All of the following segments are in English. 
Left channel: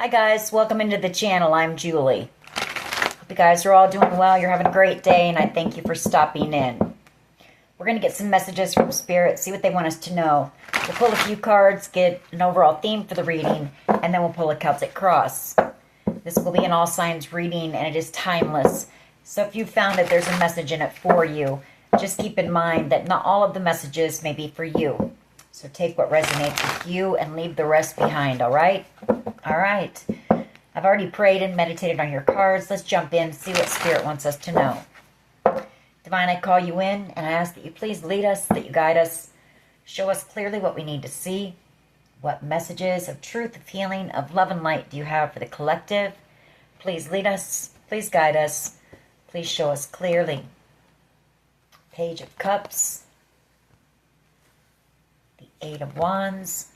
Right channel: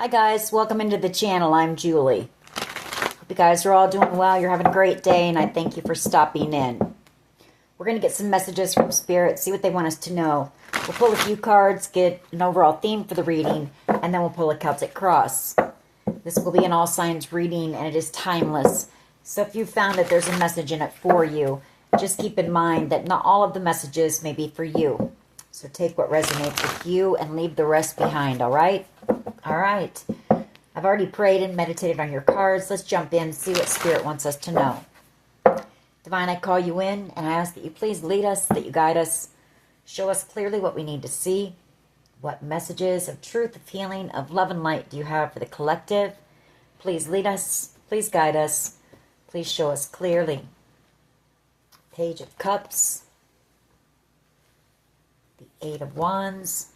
Hi guys, welcome into the channel. I'm Julie. Hope you guys are all doing well. You're having a great day, and I thank you for stopping in. We're going to get some messages from Spirit, see what they want us to know. We'll pull a few cards, get an overall theme for the reading, and then we'll pull a Celtic cross. This will be an all signs reading, and it is timeless. So if you found that there's a message in it for you, just keep in mind that not all of the messages may be for you. So take what resonates with you and leave the rest behind, all right? All right. I've already prayed and meditated on your cards. Let's jump in and see what Spirit wants us to know. Divine, I call you in, and I ask that you please lead us, that you guide us. Show us clearly what we need to see. What messages of truth, of healing, of love and light do you have for the collective? Please lead us. Please guide us. Please show us clearly. Page of Cups. The Eight of Wands.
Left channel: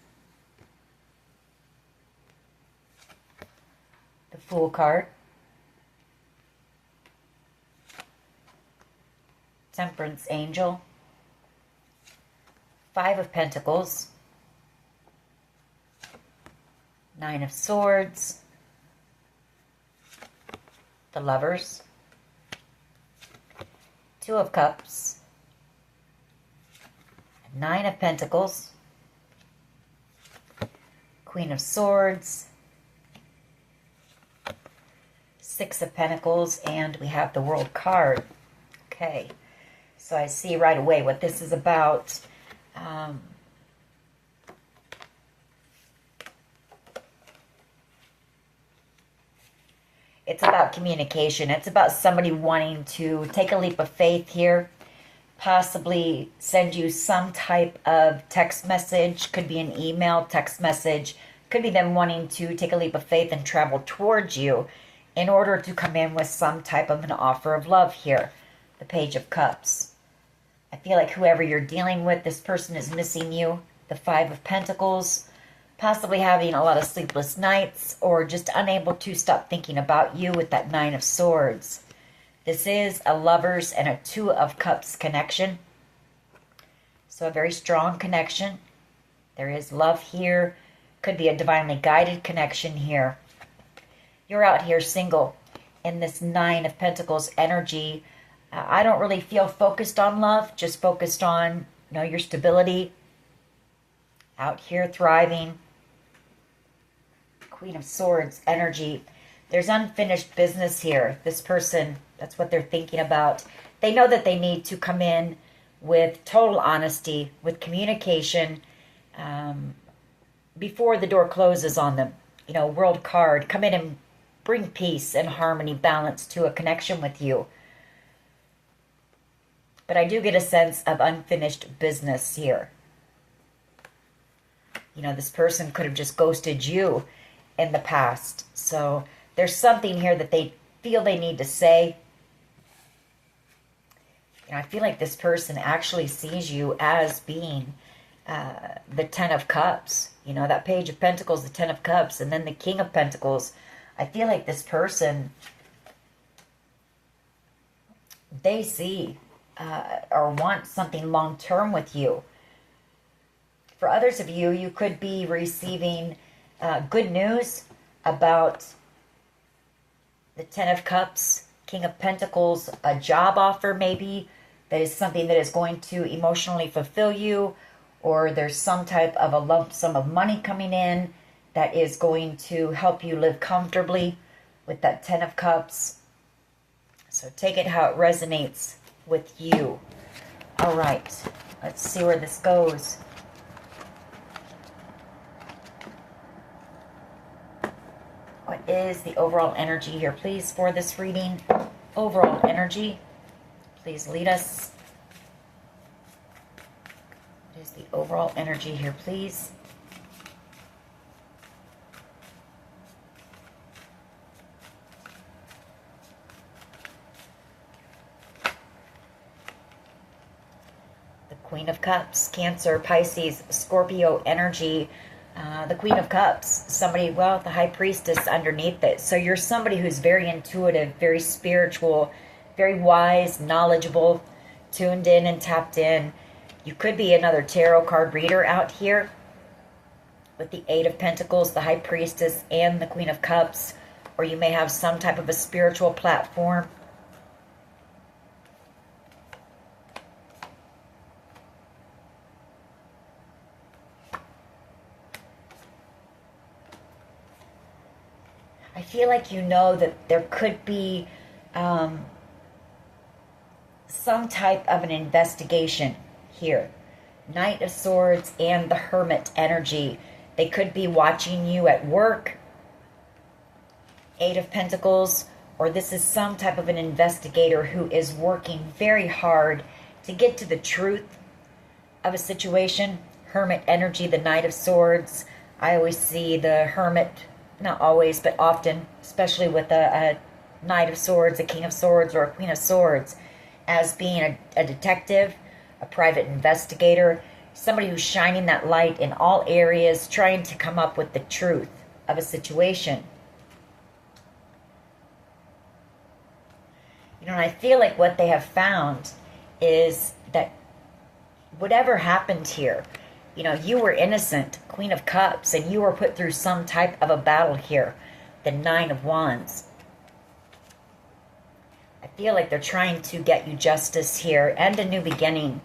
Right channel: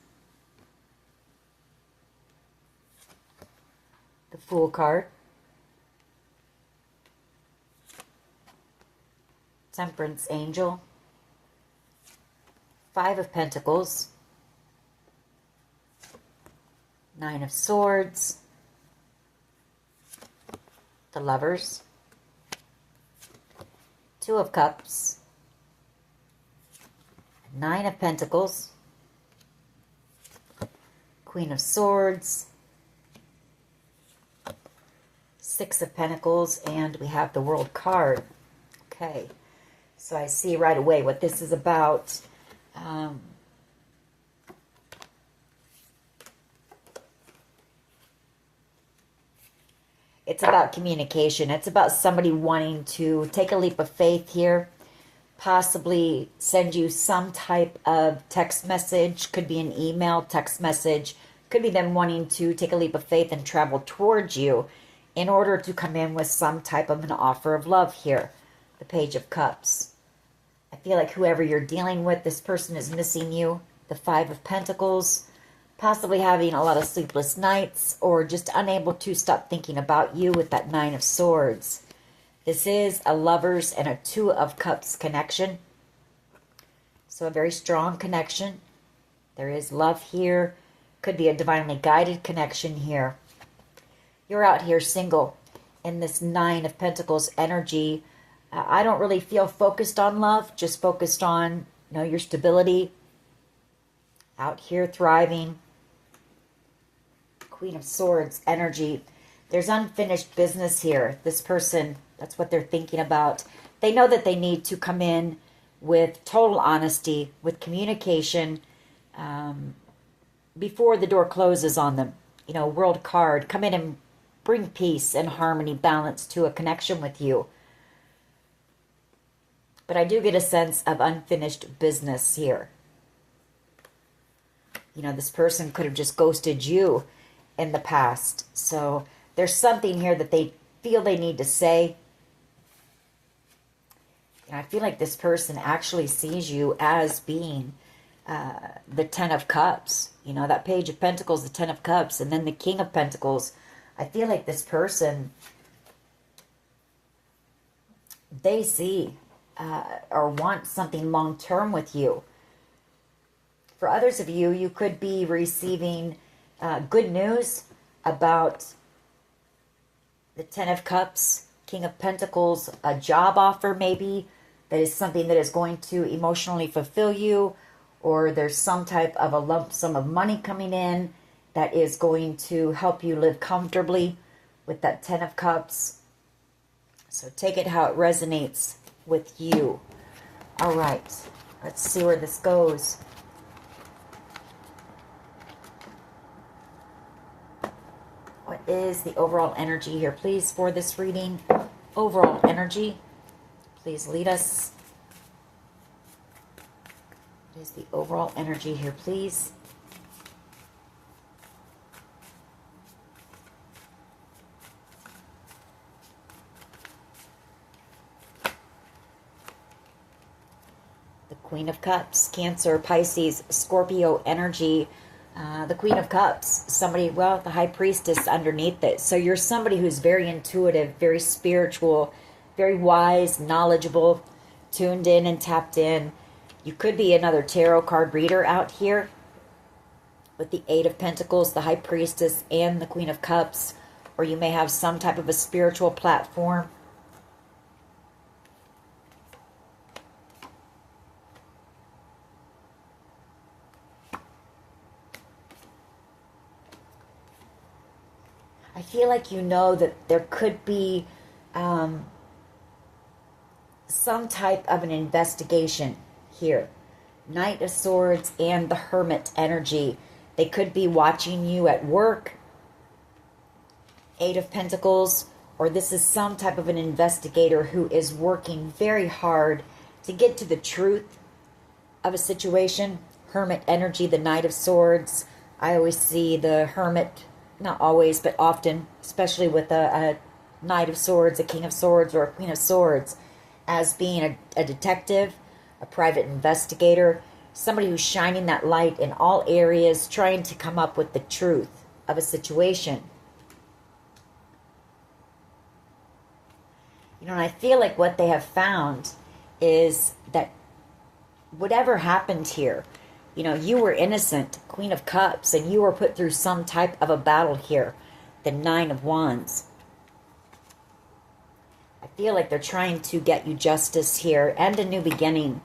The Fool card. Temperance Angel. Five of Pentacles. Nine of Swords. The Lovers. Two of Cups. Nine of Pentacles. Queen of Swords. Six of Pentacles, and we have the World card. Okay, so I see right away what this is about. It's about communication. It's about somebody wanting to take a leap of faith here, possibly send you some type of text message. Could be an email, text message. Could be them wanting to take a leap of faith and travel towards you in order to come in with some type of an offer of love here. The Page of Cups. I feel like whoever you're dealing with, this person is missing you. The Five of Pentacles. Possibly having a lot of sleepless nights or just unable to stop thinking about you with that Nine of Swords. This is a Lovers and a Two of Cups connection. So a very strong connection. There is love here. Could be a divinely guided connection here. You're out here single in this Nine of Pentacles energy. I don't really feel focused on love, just focused on, your stability. Out here thriving. Queen of Swords energy. There's unfinished business here. This person, that's what they're thinking about. They know that they need to come in with total honesty, with communication, before the door closes on them. World card. Come in and bring peace and harmony, balance to a connection with you. But I do get a sense of unfinished business here. This person could have just ghosted you in the past. So there's something here that they feel they need to say. I feel like this person actually sees you as being the Ten of Cups. That Page of Pentacles, the Ten of Cups, and then the King of Pentacles. I feel like this person, they see or want something long-term with you. For others of you, you could be receiving good news about the Ten of Cups, King of Pentacles, a job offer maybe that is something that is going to emotionally fulfill you, or there's some type of a lump sum of money coming in that is going to help you live comfortably with that Ten of Cups. So take it how it resonates with you. All right, let's see where this goes. What is the overall energy here, please, for this reading? Overall energy. Please lead us. What is the overall energy here, please? The Queen of Cups, Cancer, Pisces, Scorpio energy. The Queen of Cups, somebody, the High Priestess underneath it. So you're somebody who's very intuitive, very spiritual, very wise, knowledgeable, tuned in and tapped in. You could be another tarot card reader out here. with the Eight of Pentacles, the High Priestess, and the Queen of Cups. Or you may have some type of a spiritual platform. I feel like you know that there could be some type of an investigation here. Knight of Swords and the Hermit energy. They could be watching you at work. Eight of Pentacles. Or this is some type of an investigator who is working very hard to get to the truth of a situation. Hermit energy, the Knight of Swords. I always see the Hermit, not always, but often, especially with a Knight of Swords, a King of Swords, or a Queen of Swords, as being a detective, a private investigator, somebody who's shining that light in all areas, trying to come up with the truth of a situation. You know, and I feel like what they have found is that whatever happened here, you know, you were innocent, Queen of Cups, and you were put through some type of a battle here, the Nine of Wands. I feel like they're trying to get you justice here and a new beginning.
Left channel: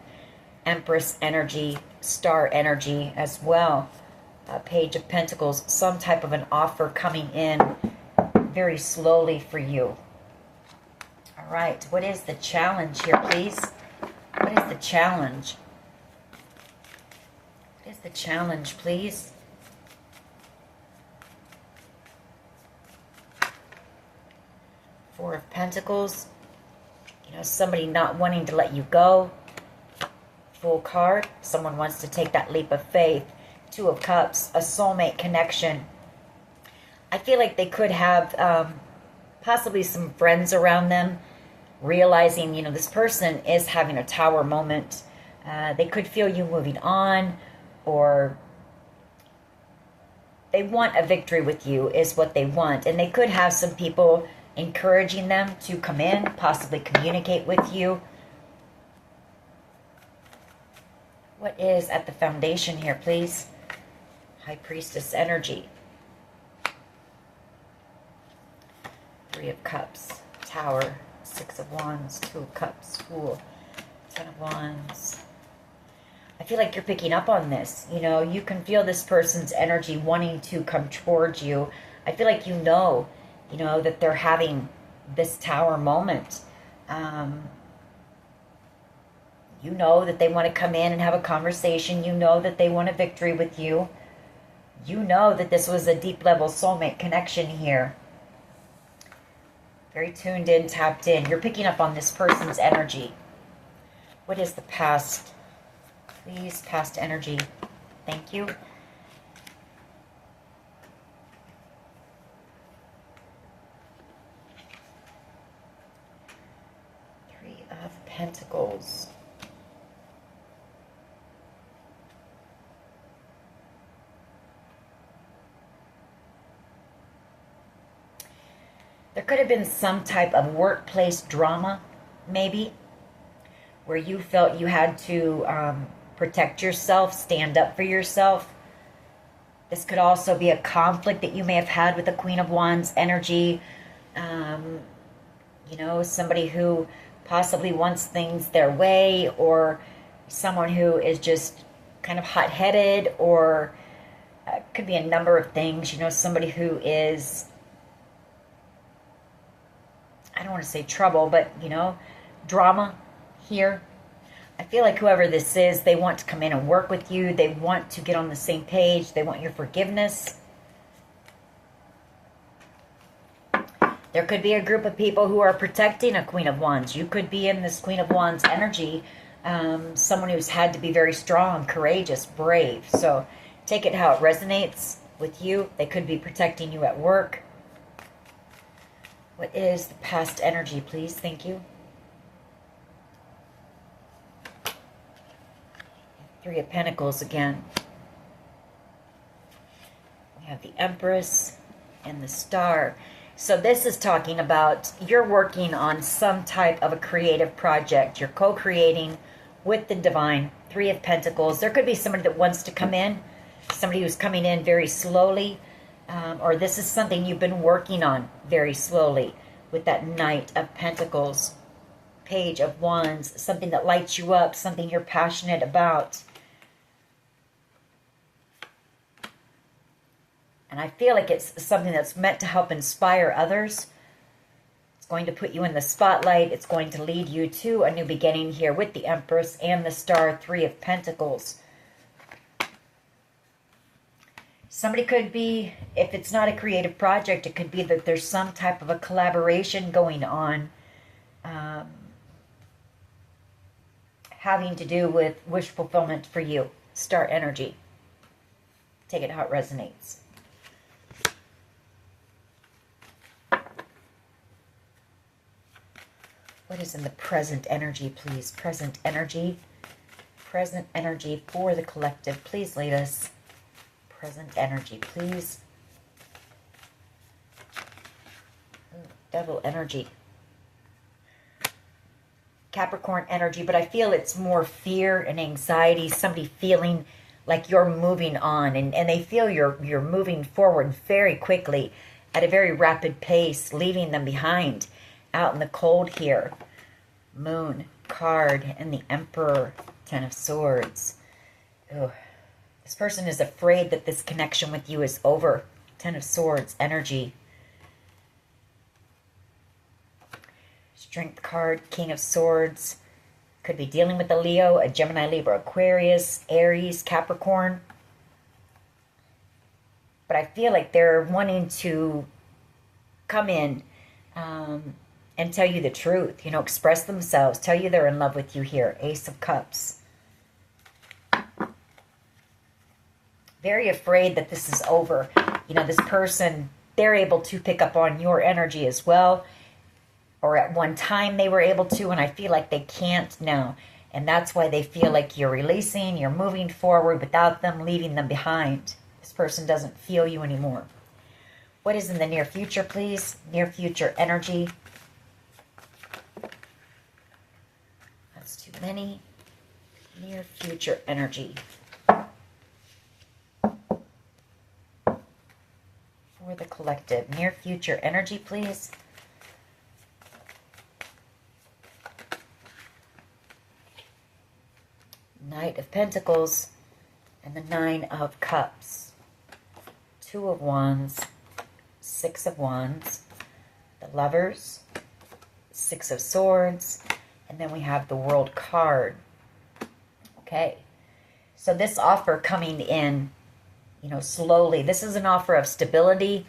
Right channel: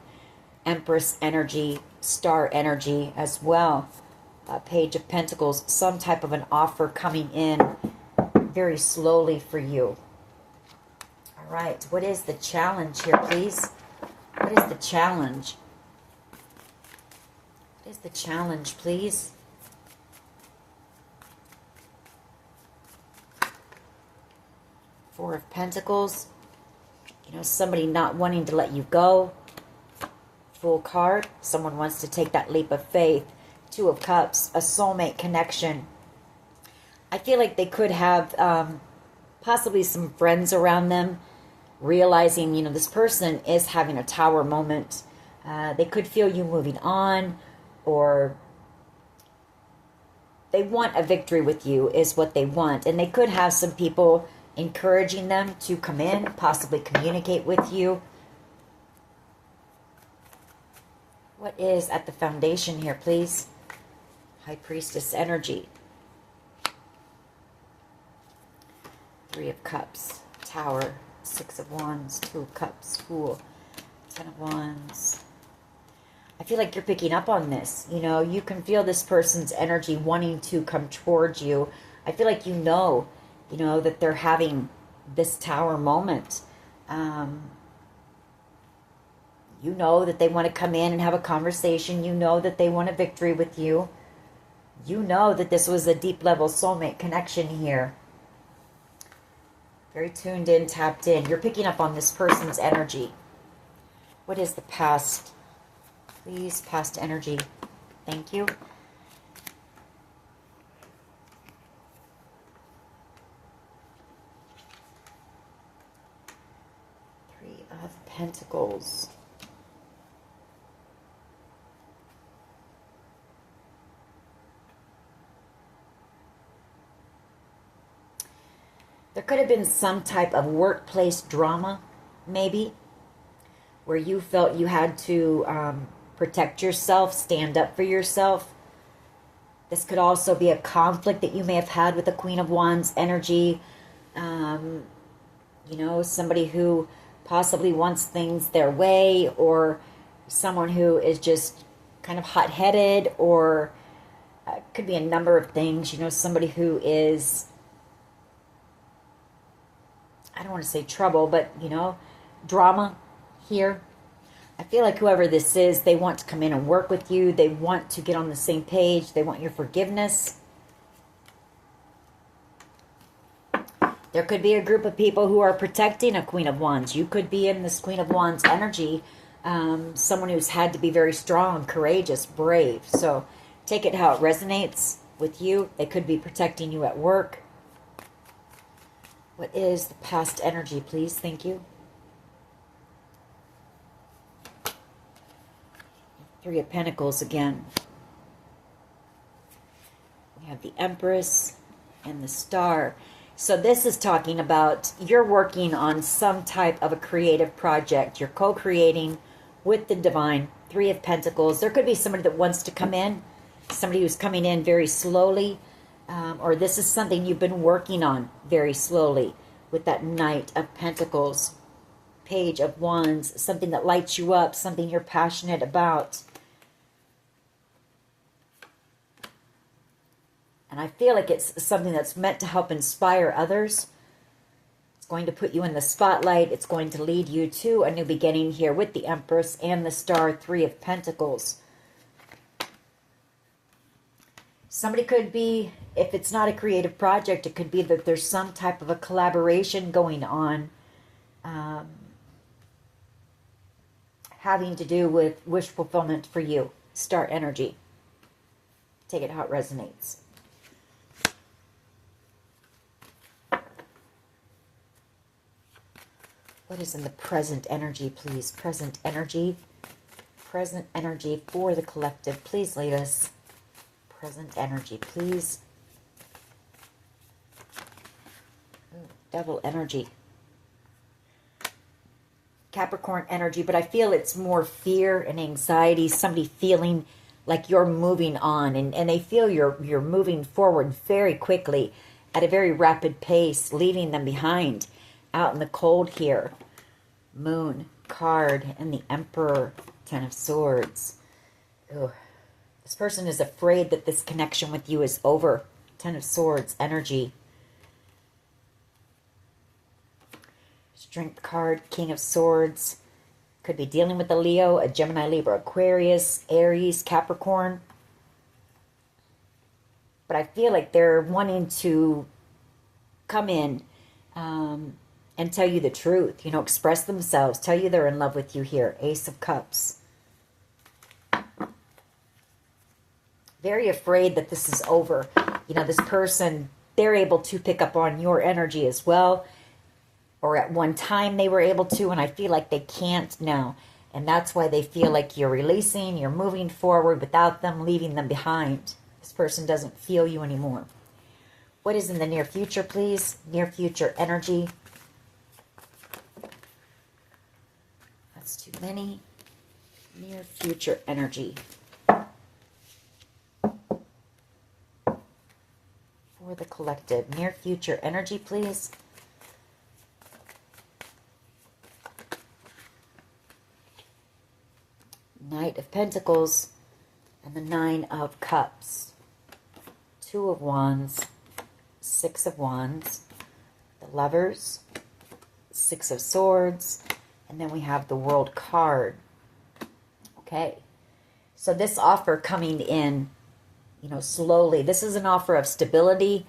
Empress energy, Star energy as well. Page of Pentacles, some type of an offer coming in very slowly for you. All right, what is the challenge here, please? What is the challenge? What is the challenge, please? Four of Pentacles. You know, somebody not wanting to let you go. Full card. Someone wants to take that leap of faith. Two of Cups. A soulmate connection. I feel like they could have possibly some friends around them, realizing, you know, this person is having a tower moment. They could feel you moving on, or they want a victory with you is what they want. And they could have some people encouraging them to come in, possibly communicate with you. What is at the foundation here, please? High Priestess energy. Three of Cups, Tower, Six of Wands, Two of Cups, Fool, Ten of Wands. I feel like you're picking up on this. You know, you can feel this person's energy wanting to come towards you. I feel like you know that they're having this tower moment. You know that they want to come in and have a conversation. You know that they want a victory with you. You know that this was a deep level soulmate connection here. Very tuned in, tapped in. You're picking up on this person's energy. What is the past? Please, past energy. Thank you. Three of Pentacles. There could have been some type of workplace drama, maybe, where you felt you had to protect yourself, stand up for yourself. This could also be a conflict that you may have had with the Queen of Wands energy. You know, somebody who possibly wants things their way, or someone who is just kind of hot-headed, or could be a number of things. You know, somebody who is, I don't want to say trouble, but, you know, drama here. I feel like whoever this is, they want to come in and work with you. They want to get on the same page. They want your forgiveness. There could be a group of people who are protecting a Queen of Wands. You could be in this Queen of Wands energy. Someone who's had to be very strong, courageous, brave. So take it how it resonates with you. They could be protecting you at work. What is the past energy, please? Thank you. Three of Pentacles again. We have the Empress and the Star. So this is talking about you're working on some type of a creative project. You're co-creating with the divine. Three of Pentacles. There could be somebody that wants to come in somebody who's coming in very slowly, or this is something you've been working on very slowly with that Knight of Pentacles, Page of Wands, something that lights you up, something you're passionate about. And I feel like it's something that's meant to help inspire others. It's going to put you in the spotlight. It's going to lead you to a new beginning here with the Empress and the Star, Three of Pentacles. Somebody could be, if it's not a creative project, it could be that there's some type of a collaboration going on, having to do with wish fulfillment for you. Star energy. Take it how it resonates. What is in the present energy, please? Present energy. Present energy for the collective. Please lead us. Present energy, please. Ooh, double energy. Capricorn energy, but I feel it's more fear and anxiety. Somebody feeling like you're moving on, and they feel you're moving forward very quickly at a very rapid pace, leaving them behind out in the cold here. Moon card and the Emperor, Ten of Swords. Ugh. This person is afraid that this connection with you is over. Ten of Swords energy. Strength card, King of Swords. Could be dealing with a Leo, a Gemini, Libra, Aquarius, Aries, Capricorn. But I feel like they're wanting to come in and tell you the truth. You know, express themselves. Tell you they're in love with you here. Ace of Cups. Very afraid that this is over. You know, this person, they're able to pick up on your energy as well. Or at one time they were able to, and I feel like they can't now. And that's why they feel like you're releasing, you're moving forward without them, leaving them behind. This person doesn't feel you anymore. What is in the near future, please? Near future energy. That's too many. Near future energy. For the collective. Near future energy, please. Knight of Pentacles and the Nine of Cups. Two of Wands, Six of Wands, the Lovers, Six of Swords, and then we have the World card. Okay, so this offer coming in, you know, slowly. This is an offer of stability,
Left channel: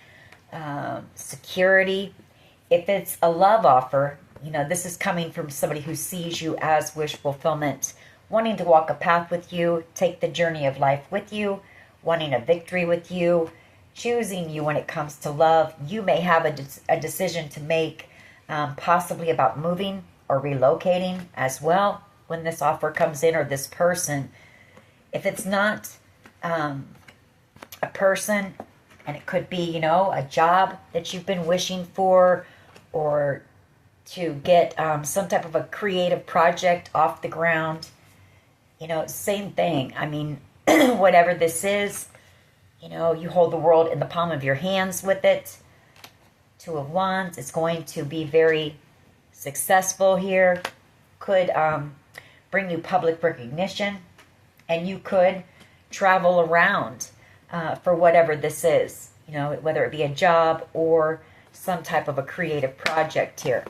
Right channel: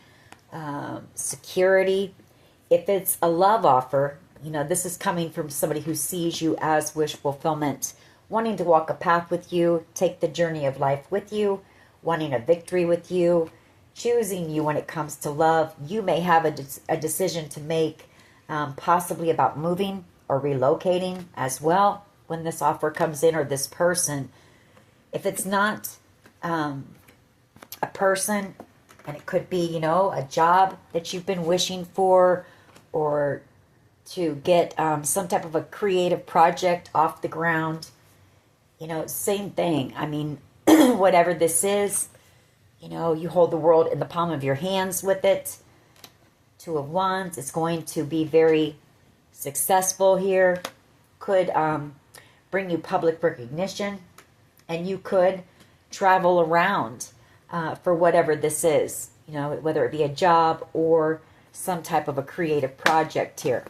security. If it's a love offer, you know, this is coming from somebody who sees you as wish fulfillment, wanting to walk a path with you, take the journey of life with you, wanting a victory with you, choosing you when it comes to love. You may have a decision to make, possibly about moving or relocating as well when this offer comes in, or this person. If it's not a person, and it could be, you know, a job that you've been wishing for, or to get some type of a creative project off the ground. You know, same thing. I mean, whatever this is, you know, you hold the world in the palm of your hands with it. Two of Wands. It's going to be very successful here. Could bring you public recognition. And you could travel around for whatever this is. You know, whether it be a job or some type of a creative project here.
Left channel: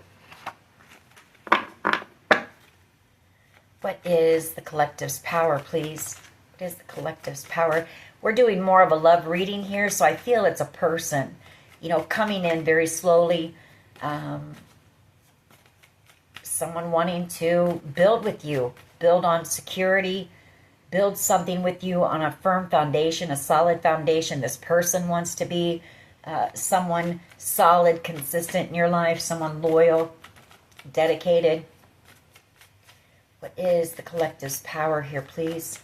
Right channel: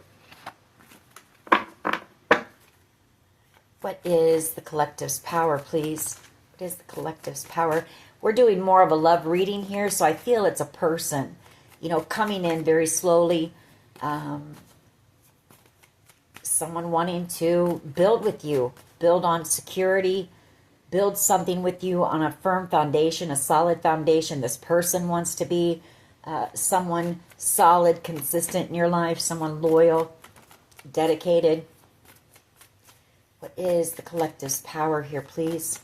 What is the collective's power, please? What is the collective's power? We're doing more of a love reading here, so I feel it's a person, you know, coming in very slowly. Someone wanting to build with you, build on security, build something with you on a firm foundation, a solid foundation. This person wants to be someone solid, consistent in your life, someone loyal, dedicated. What is the collective's power here, please?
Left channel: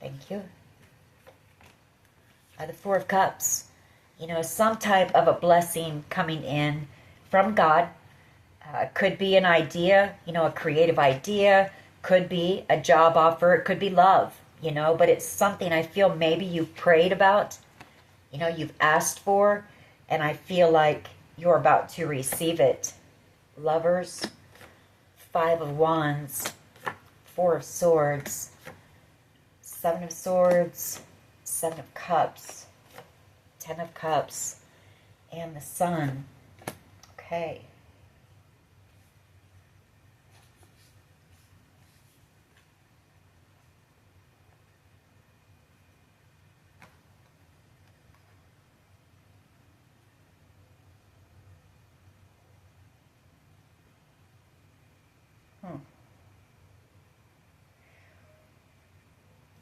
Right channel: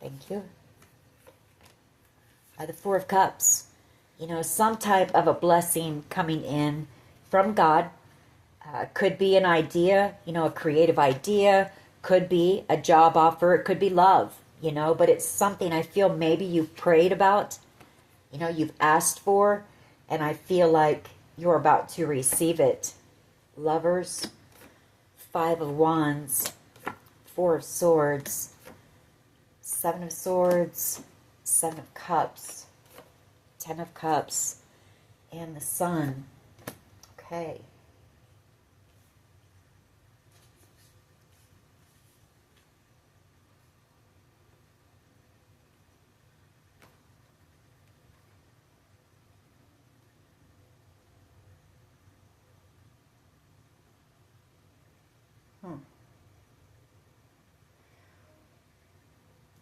Thank you. The Four of Cups. You know, some type of a blessing coming in from God. Could be an idea, you know, a creative idea. Could be a job offer. It could be love, you know, but it's something I feel maybe you've prayed about, you know, you've asked for, and I feel like you're about to receive it. Lovers, 5 of Wands, 4 of Swords, 7 of Swords, 7 of Cups, 10 of Cups, and the Sun. Okay.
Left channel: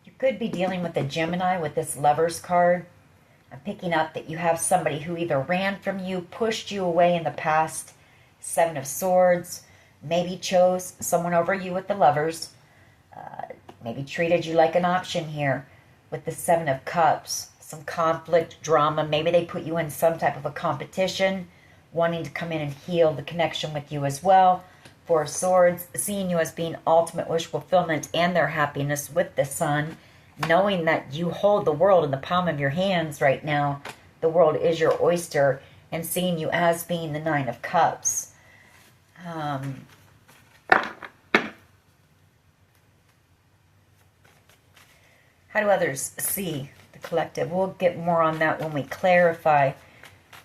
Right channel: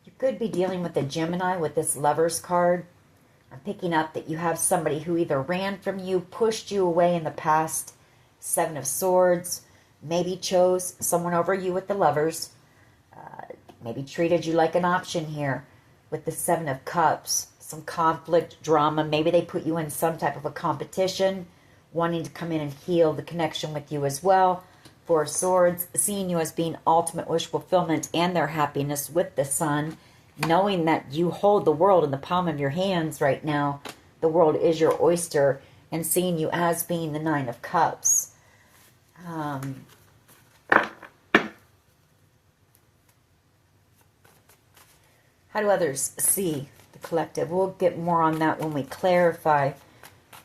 You could be dealing with a Gemini with this Lovers card. I'm picking up that you have somebody who either ran from you, pushed you away in the past, 7 of Swords, maybe chose someone over you with the Lovers, maybe treated you like an option here with the 7 of Cups, some conflict, drama. Maybe they put you in some type of a competition, wanting to come in and heal the connection with you as well. 4 of Swords, seeing you as being ultimate wish fulfillment and their happiness with the Sun, knowing that you hold the world in the palm of your hands right now. The world is your oyster, and seeing you as being the 9 of Cups. How do others see the collective? We'll get more on that when we clarify.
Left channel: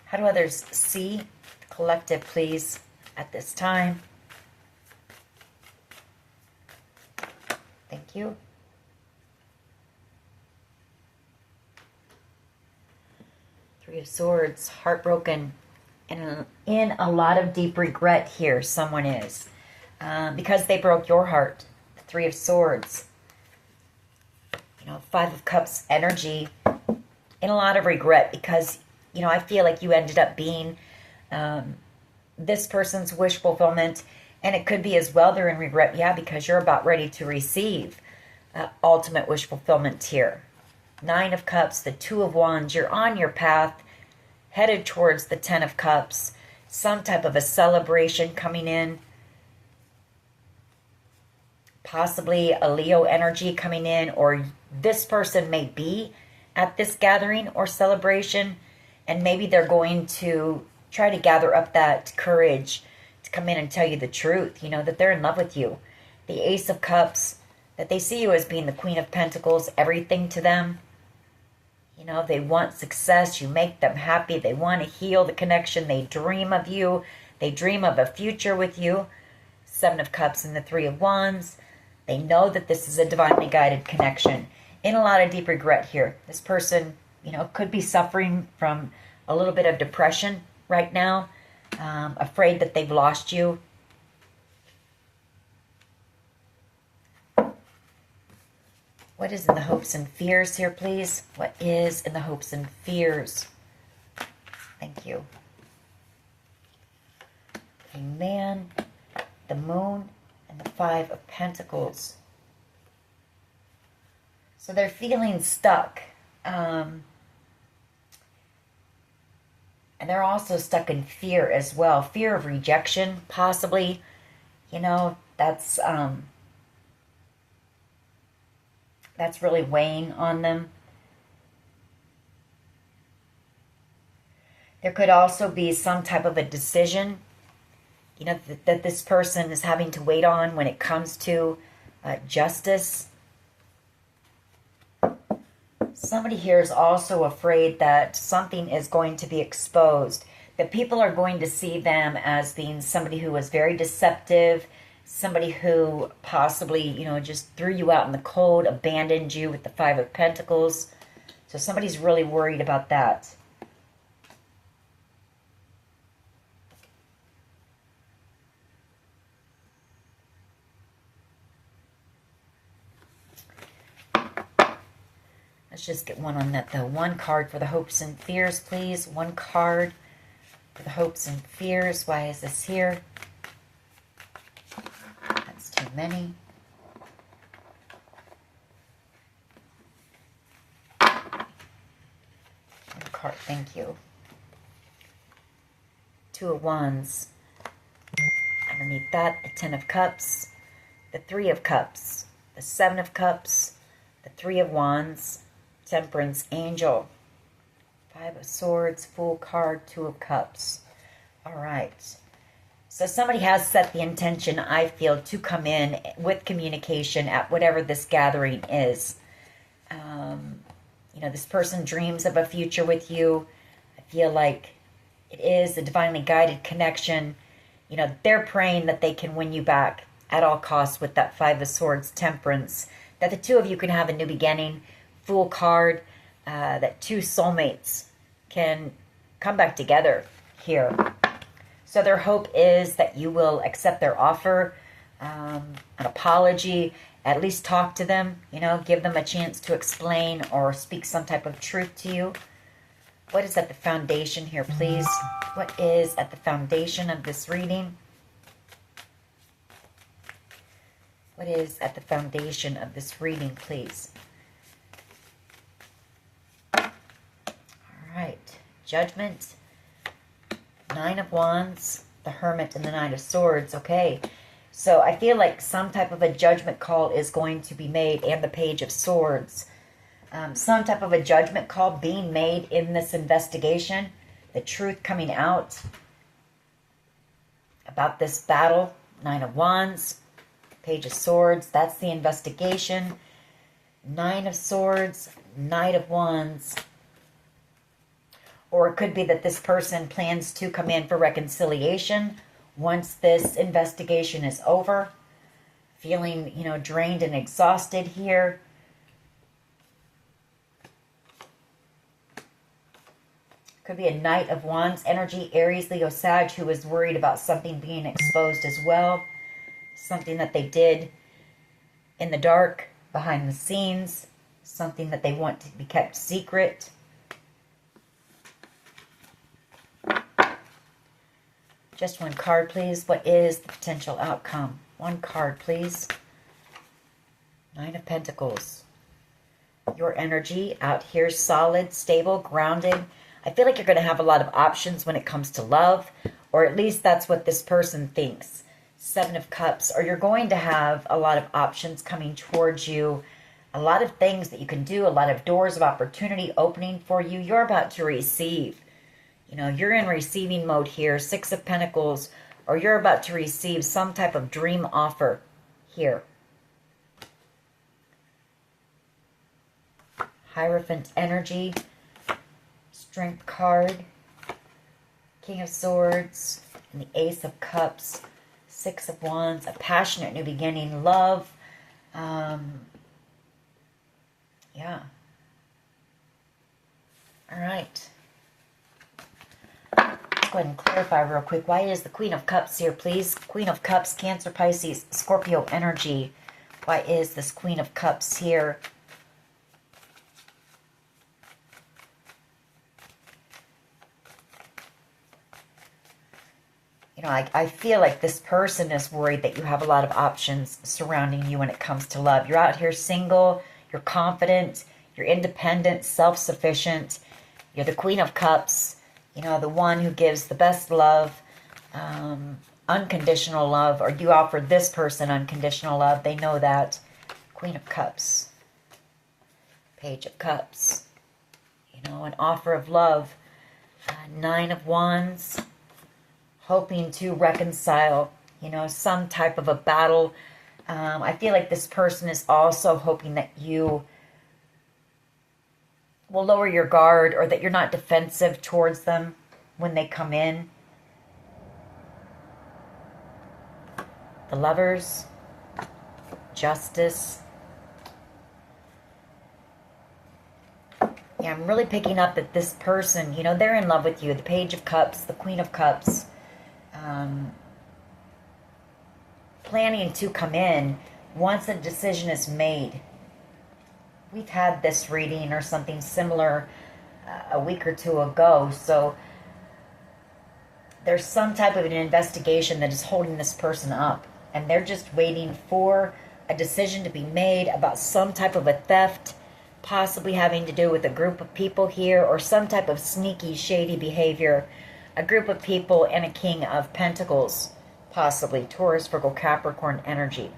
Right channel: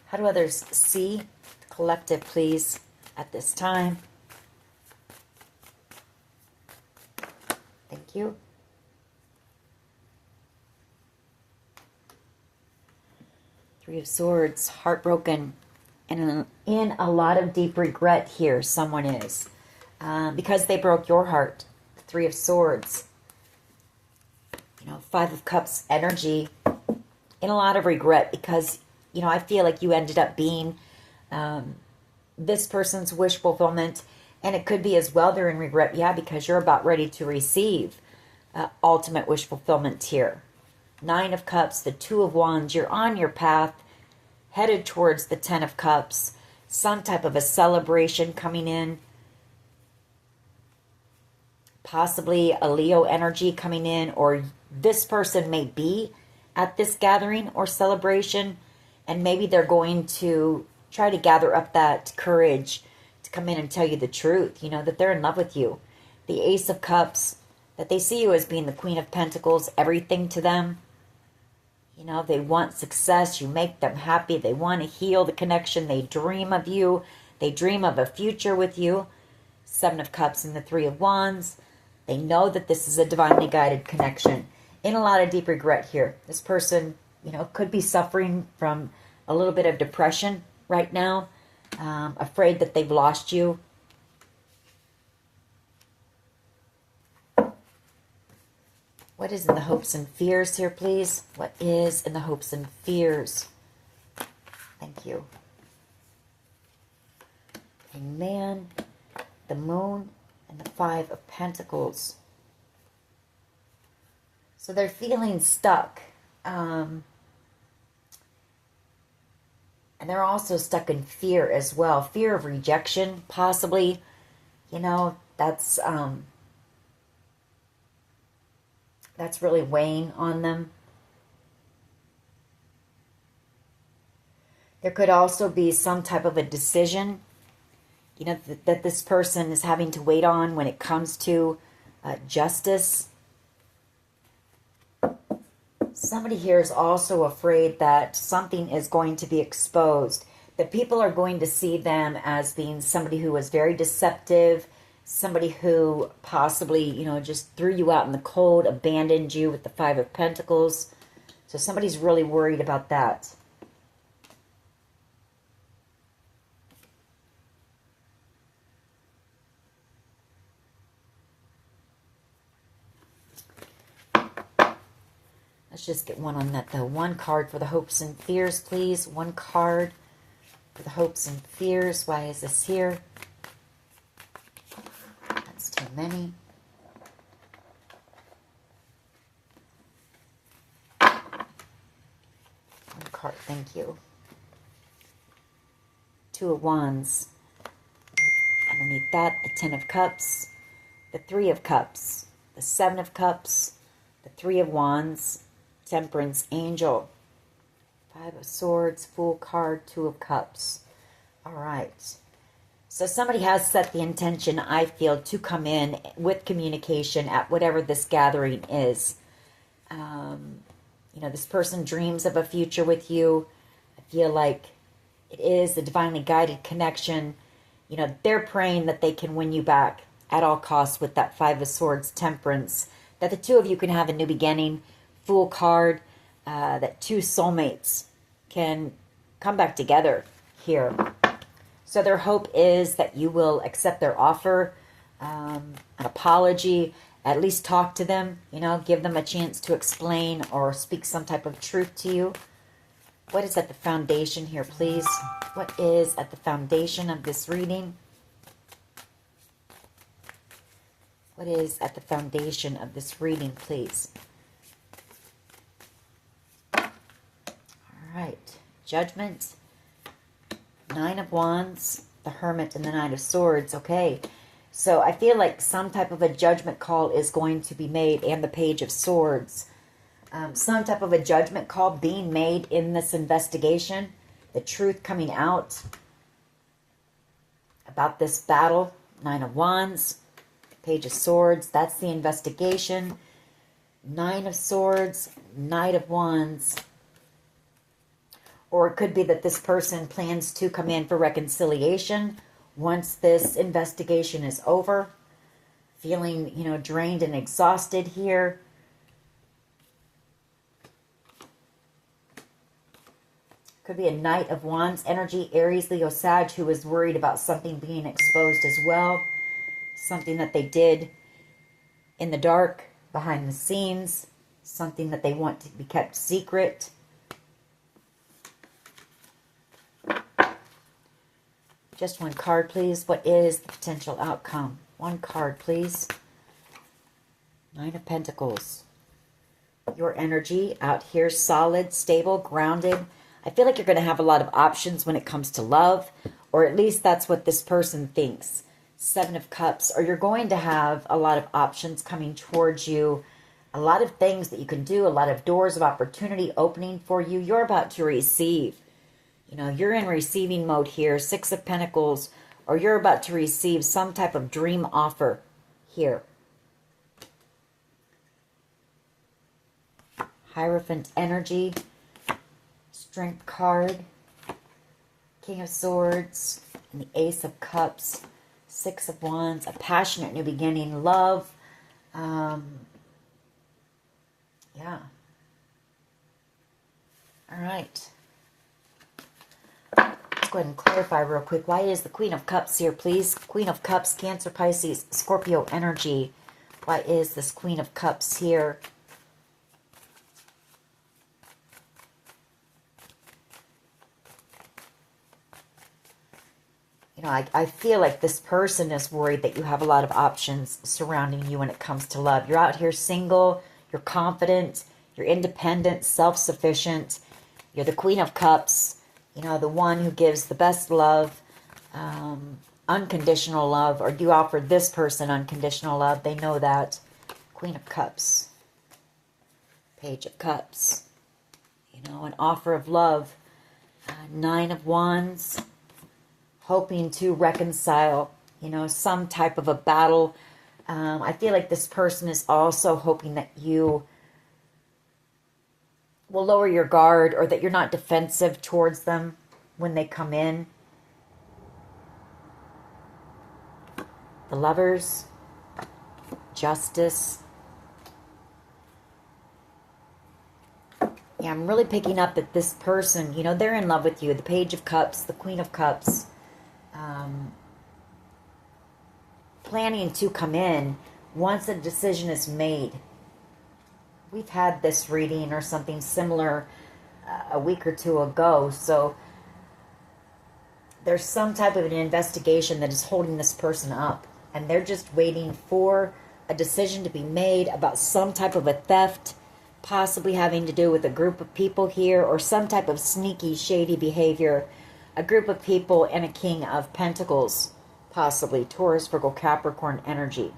How do others see the collective, please, at this time? Thank you. Three of Swords, heartbroken, and in a lot of deep regret here, someone is. Because they broke your heart. 3 of Swords. You know, 5 of Cups energy, in a lot of regret because, you know, I feel like you ended up being this person's wish fulfillment. And it could be as well they're in regret, yeah, because you're about ready to receive ultimate wish fulfillment here. 9 of Cups, the 2 of Wands, you're on your path, headed towards the 10 of Cups, some type of a celebration coming in. Possibly a Leo energy coming in, or this person may be at this gathering or celebration, and maybe they're going to try to gather up that courage to come in and tell you the truth, you know, that they're in love with you. The Ace of Cups, that they see you as being the Queen of Pentacles, everything to them. You know, they want success. You make them happy. They want to heal the connection. They dream of you. They dream of a future with you. 7 of Cups and the 3 of Wands. They know that this is a divinely guided connection. In a lot of deep regret here. This person, you know, could be suffering from a little bit of depression right now. Afraid that they've lost you. What is in the hopes and fears here, please? What is in the hopes and fears? Thank you. A man, the Moon, and the 5 of Pentacles. So they're feeling stuck. And they're also stuck in fear as well. Fear of rejection, possibly. You know, that's really weighing on them. There could also be some type of a decision, you know, that this person is having to wait on when it comes to justice. Somebody here is also afraid that something is going to be exposed, that people are going to see them as being somebody who was very deceptive, somebody who possibly, you know, just threw you out in the cold, abandoned you with the 5 of Pentacles. So somebody's really worried about that. Let's just get one on that, though. One card for the hopes and fears, please. One card for the hopes and fears. Why is this here? That's too many. One card, thank you. 2 of Wands. Underneath that, the Ten of Cups, the Three of Cups, the Seven of Cups, the Three of Wands, Temperance, Angel, Five of Swords, Fool card, Two of Cups. All right. So somebody has set the intention, I feel, to come in with communication at whatever this gathering is. You know, this person dreams of a future with you. I feel like it is a divinely guided connection. You know, they're praying that they can win you back at all costs with that Five of Swords, Temperance. That the two of you can have a new beginning. Fool card. That two soulmates can come back together here. So their hope is that you will accept their offer, an apology, at least talk to them, you know, give them a chance to explain or speak some type of truth to you. What is at the foundation here, please? What is at the foundation of this reading? What is at the foundation of this reading, please? All right. Judgment. Nine of Wands, the Hermit, and the Knight of Swords. Okay. So I feel like some type of a judgment call is going to be made, and the Page of Swords. Some type of a judgment call being made in this investigation. The truth coming out about this battle. Nine of Wands, Page of Swords. That's the investigation. Nine of Swords, Knight of Wands. Or it could be that this person plans to come in for reconciliation once this investigation is over. Feeling, you know, drained and exhausted here. Could be a Knight of Wands energy, Aries, Leo, Sag, who is worried about something being exposed as well. Something that they did in the dark, behind the scenes. Something that they want to be kept secret. Just one card, please. What is the potential outcome? One card, please. Nine of Pentacles. Your energy out here, solid, stable, grounded. I feel like you're going to have a lot of options when it comes to love, or at least that's what this person thinks. Seven of Cups, or you're going to have a lot of options coming towards you. A lot of things that you can do, a lot of doors of opportunity opening for you. You're about to receive. You know, you're in receiving mode here. Six of Pentacles. Or you're about to receive some type of dream offer here. Hierophant energy. Strength card. King of Swords. And the Ace of Cups. Six of Wands. A passionate new beginning. Love. Yeah. All right. Go ahead and clarify real quick. Why is the Queen of Cups here, please? Queen of Cups, Cancer, Pisces, Scorpio energy. Why is this Queen of Cups here? You know, I feel like this person is worried that you have a lot of options surrounding you when it comes to love. You're out here single. You're confident. You're independent, self-sufficient. You're the Queen of Cups. You know, the one who gives the best love, unconditional love, or you offer this person unconditional love. They know that. Queen of Cups. Page of Cups. You know, an offer of love. Nine of Wands. Hoping to reconcile, you know, some type of a battle. I feel like this person is also hoping that you will lower your guard, or that you're not defensive towards them when they come in. The Lovers, Justice. Yeah, I'm really picking up that this person, you know, they're in love with you. The Page of Cups, the Queen of Cups. Planning to come in once a decision is made. We've had this reading or something similar a week or two ago. So there's some type of an investigation that is holding this person up. And they're just waiting for a decision to be made about some type of a theft, possibly having to do with a group of people here, or some type of sneaky, shady behavior. A group of people and a King of Pentacles. possibly Taurus, Virgo, Capricorn energy.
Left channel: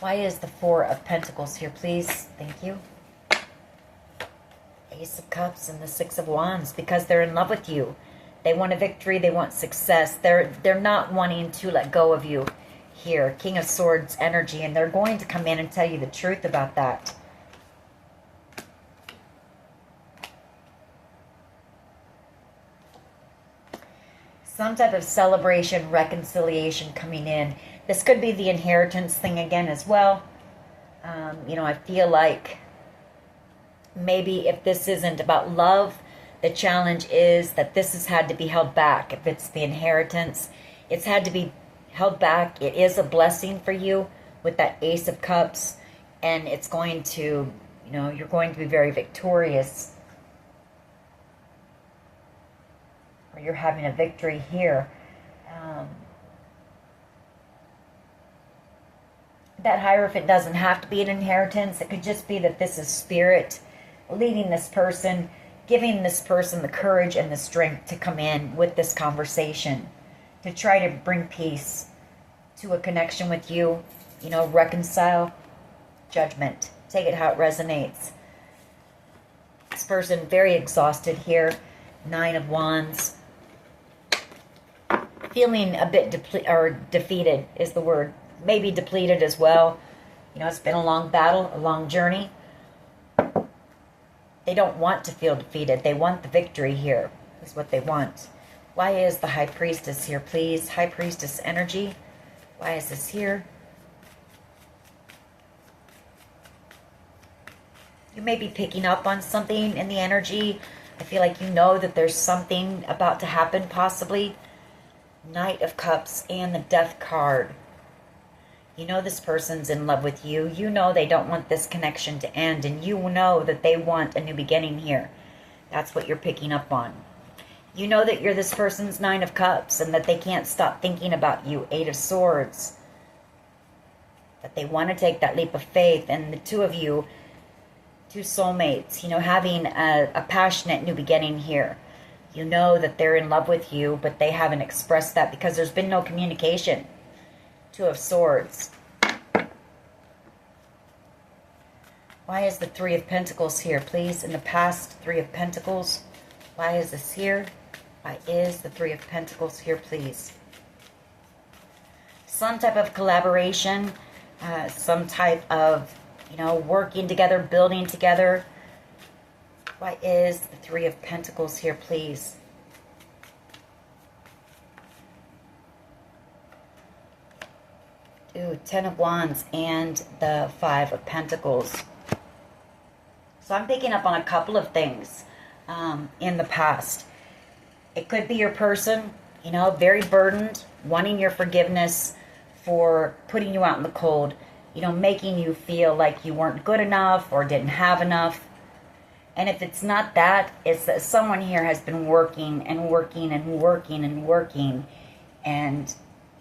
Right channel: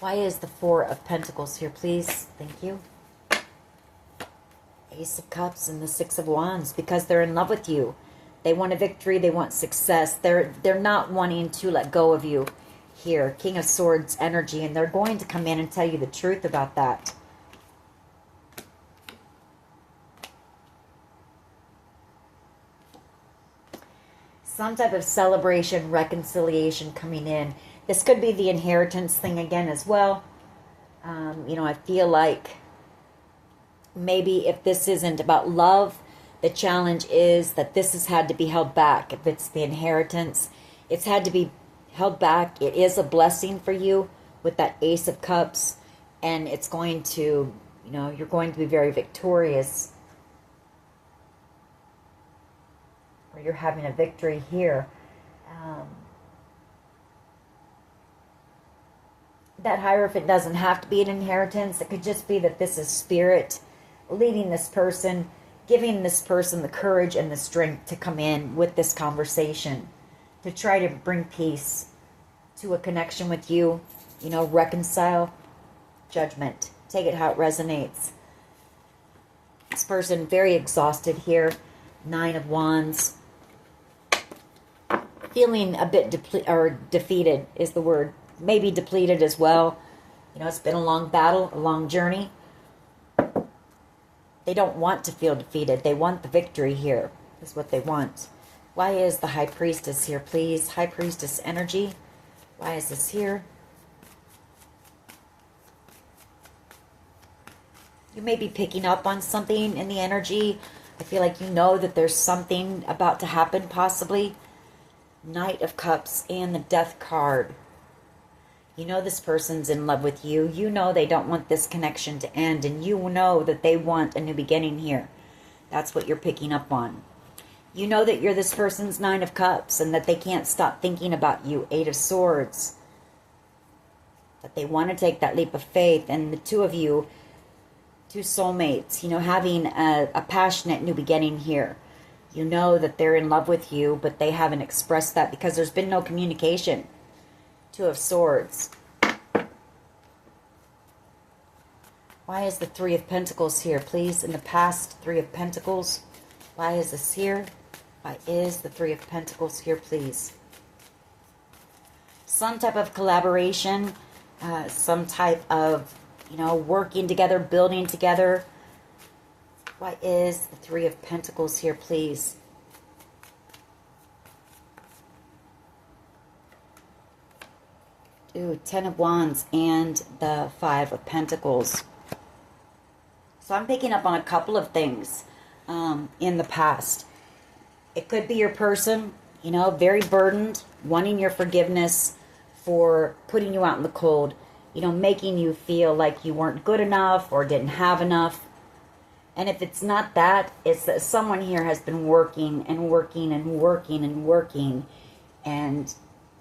Why is the Four of Pentacles here, please? Thank you. Ace of Cups and the Six of Wands, because they're in love with you. They want a victory. They want success. They're not wanting to let go of you here. King of Swords energy, and they're going to come in and tell you the truth about that. Some type of celebration, reconciliation coming in. This could be the inheritance thing again as well. You know, I feel like maybe if this isn't about love, the challenge is that this has had to be held back. If it's the inheritance, it's had to be held back. It is a blessing for you with that Ace of Cups. And it's going to, you know, you're going to be very victorious. Or you're having a victory here. That Hierophant doesn't have to be an inheritance. It could just be that this is spirit leading this person, giving this person the courage and the strength to come in with this conversation, to try to bring peace to a connection with you, you know, reconcile, judgment. Take it how it resonates. This person very exhausted here. 9 of Wands. Feeling a bit defeated is the word. Maybe depleted as well. You know, it's been a long battle, a long journey. They don't want to feel defeated. They want the victory here. Is what they want. Why is the High Priestess here, please? High Priestess energy. Why is this here? You may be picking up on something in the energy. I feel like you know that there's something about to happen, possibly. Knight of Cups and the Death card. You know this person's in love with you. You know they don't want this connection to end. And you know that they want a new beginning here. That's what you're picking up on. You know that you're this person's 9 of Cups. And that they can't stop thinking about you. 8 of Swords. That they want to take that leap of faith. And the two of you, two soulmates, you know, having a passionate new beginning here. You know that they're in love with you. But they haven't expressed that because there's been no communication. 2 of Swords. Why is the 3 of Pentacles here, please? In the past, 3 of Pentacles. Why is this here? Why is the 3 of Pentacles here, please? Some type of collaboration. Some type of, you know, working together, building together. Why is the 3 of Pentacles here, please? Ooh, 10 of Wands and the 5 of Pentacles. So I'm picking up on a couple of things in the past. It could be your person, you know, very burdened, wanting your forgiveness for putting you out in the cold, you know, making you feel like you weren't good enough or didn't have enough. And if it's not that, it's that someone here has been working and working and working and working. And,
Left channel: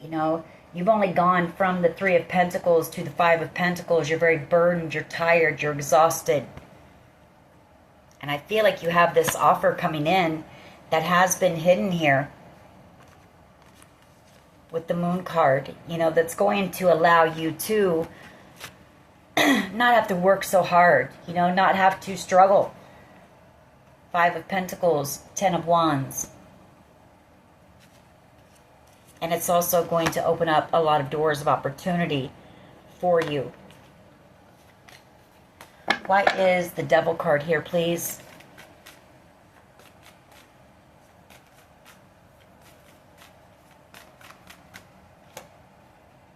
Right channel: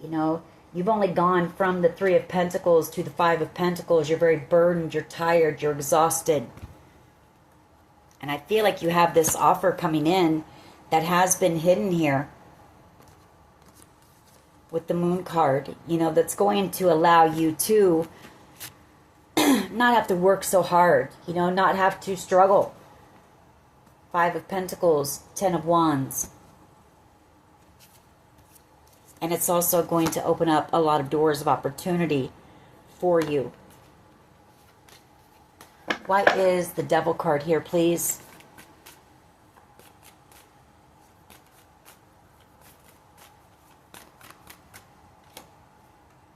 you know, you've only gone from the 3 of Pentacles to the 5 of Pentacles. You're very burdened. You're tired. You're exhausted. And I feel like you have this offer coming in that has been hidden here with the Moon card, you know, that's going to allow you to not have to work so hard, you know, not have to struggle. 5 of Pentacles, 10 of Wands. And it's also going to open up a lot of doors of opportunity for you. Why is the Devil card here, please?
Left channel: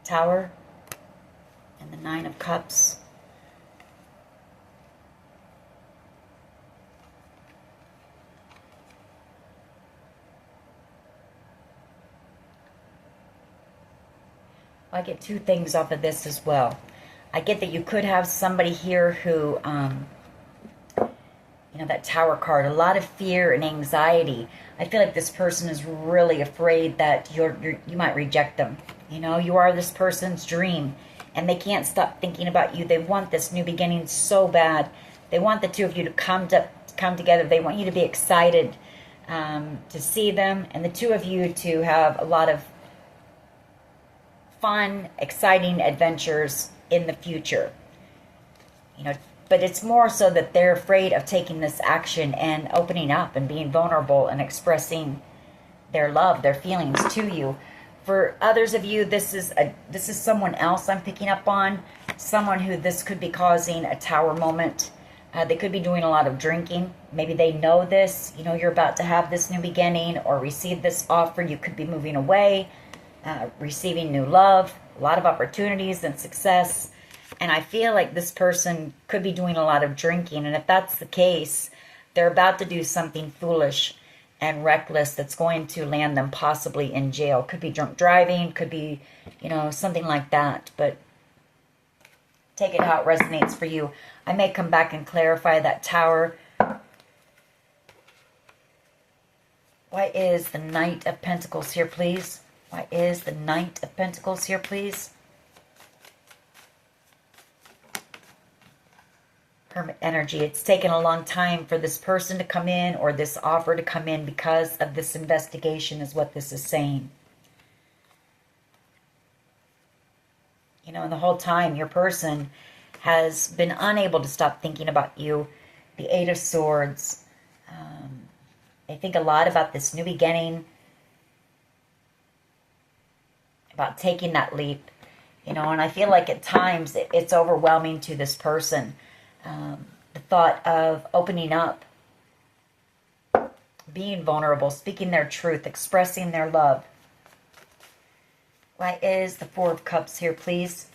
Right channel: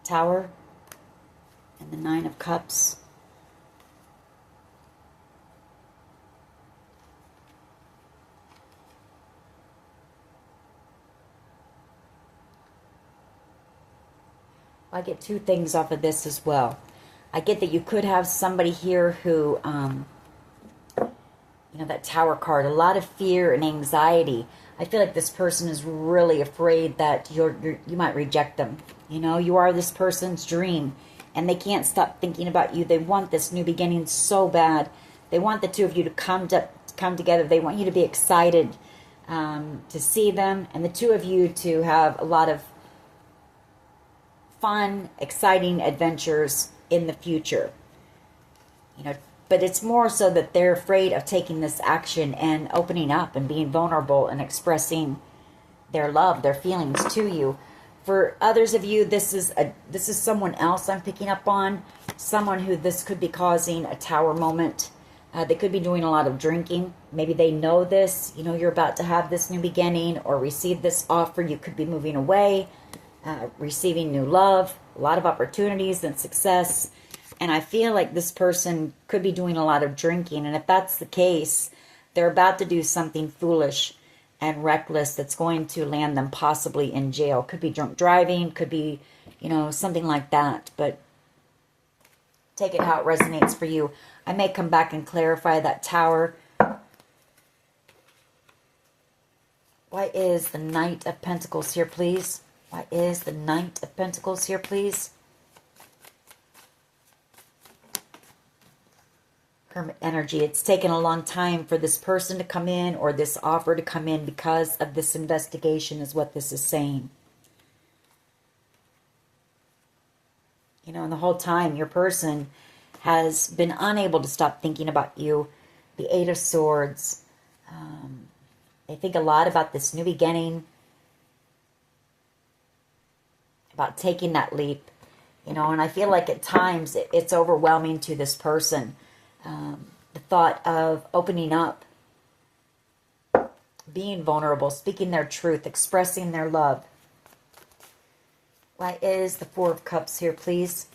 Tower and the 9 of Cups. I get 2 things off of this as well. I get that you could have somebody here who, you know, that Tower card, a lot of fear and anxiety. I feel like this person is really afraid that you might reject them. You know, you are this person's dream. and they can't stop thinking about you. They want this new beginning so bad. They want the two of you to come together. They want you to be excited to see them, and the two of you to have a lot of fun, exciting adventures in the future. You know, but it's more so that they're afraid of taking this action and opening up and being vulnerable and expressing their love, their feelings to you. For others of you, this is someone else I'm picking up on, someone who this could be causing a tower moment. They could be doing a lot of drinking. Maybe they know this, you know, you're about to have this new beginning or receive this offer. You could be moving away, receiving new love, a lot of opportunities and success. And I feel like this person could be doing a lot of drinking. And if that's the case, they're about to do something foolish and reckless that's going to land them possibly in jail. Could be drunk driving, could be, you know, something like that. But take it how it resonates for you. I may come back and clarify that tower. Why is the Knight of Pentacles here, please? Why is the Knight of Pentacles here, please? Hermit energy. It's taken a long time for this person to come in or this offer to come in because of this investigation is what this is saying. You know, and the whole time your person has been unable to stop thinking about you. The Eight of Swords. They think a lot about this new beginning, about taking that leap, you know, and I feel like at times it's overwhelming to this person. The thought of opening up, being vulnerable, speaking their truth, expressing their love. Why is the Four of Cups here, please?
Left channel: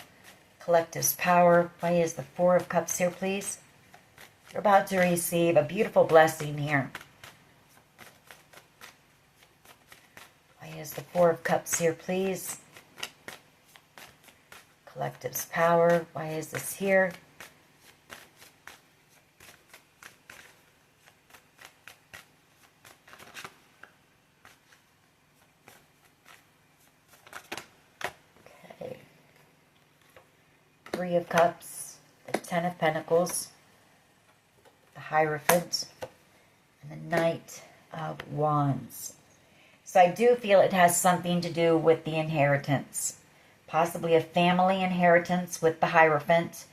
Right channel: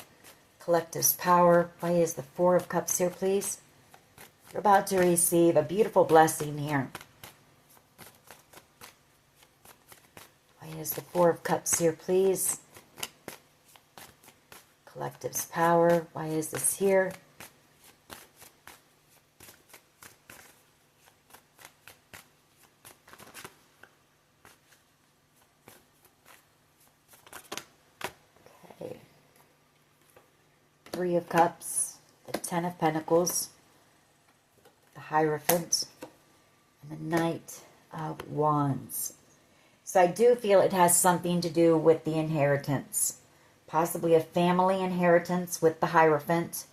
Collective's power. Why is the Four of Cups here, please? You're about to receive a beautiful blessing here. Why is the Four of Cups here, please? Collective's power. Why is this here? Okay. Three of Cups, the Ten of Pentacles, the Hierophant, and the Knight of Wands. So I do feel it has something to do with the inheritance. Possibly a family inheritance with the Hierophant.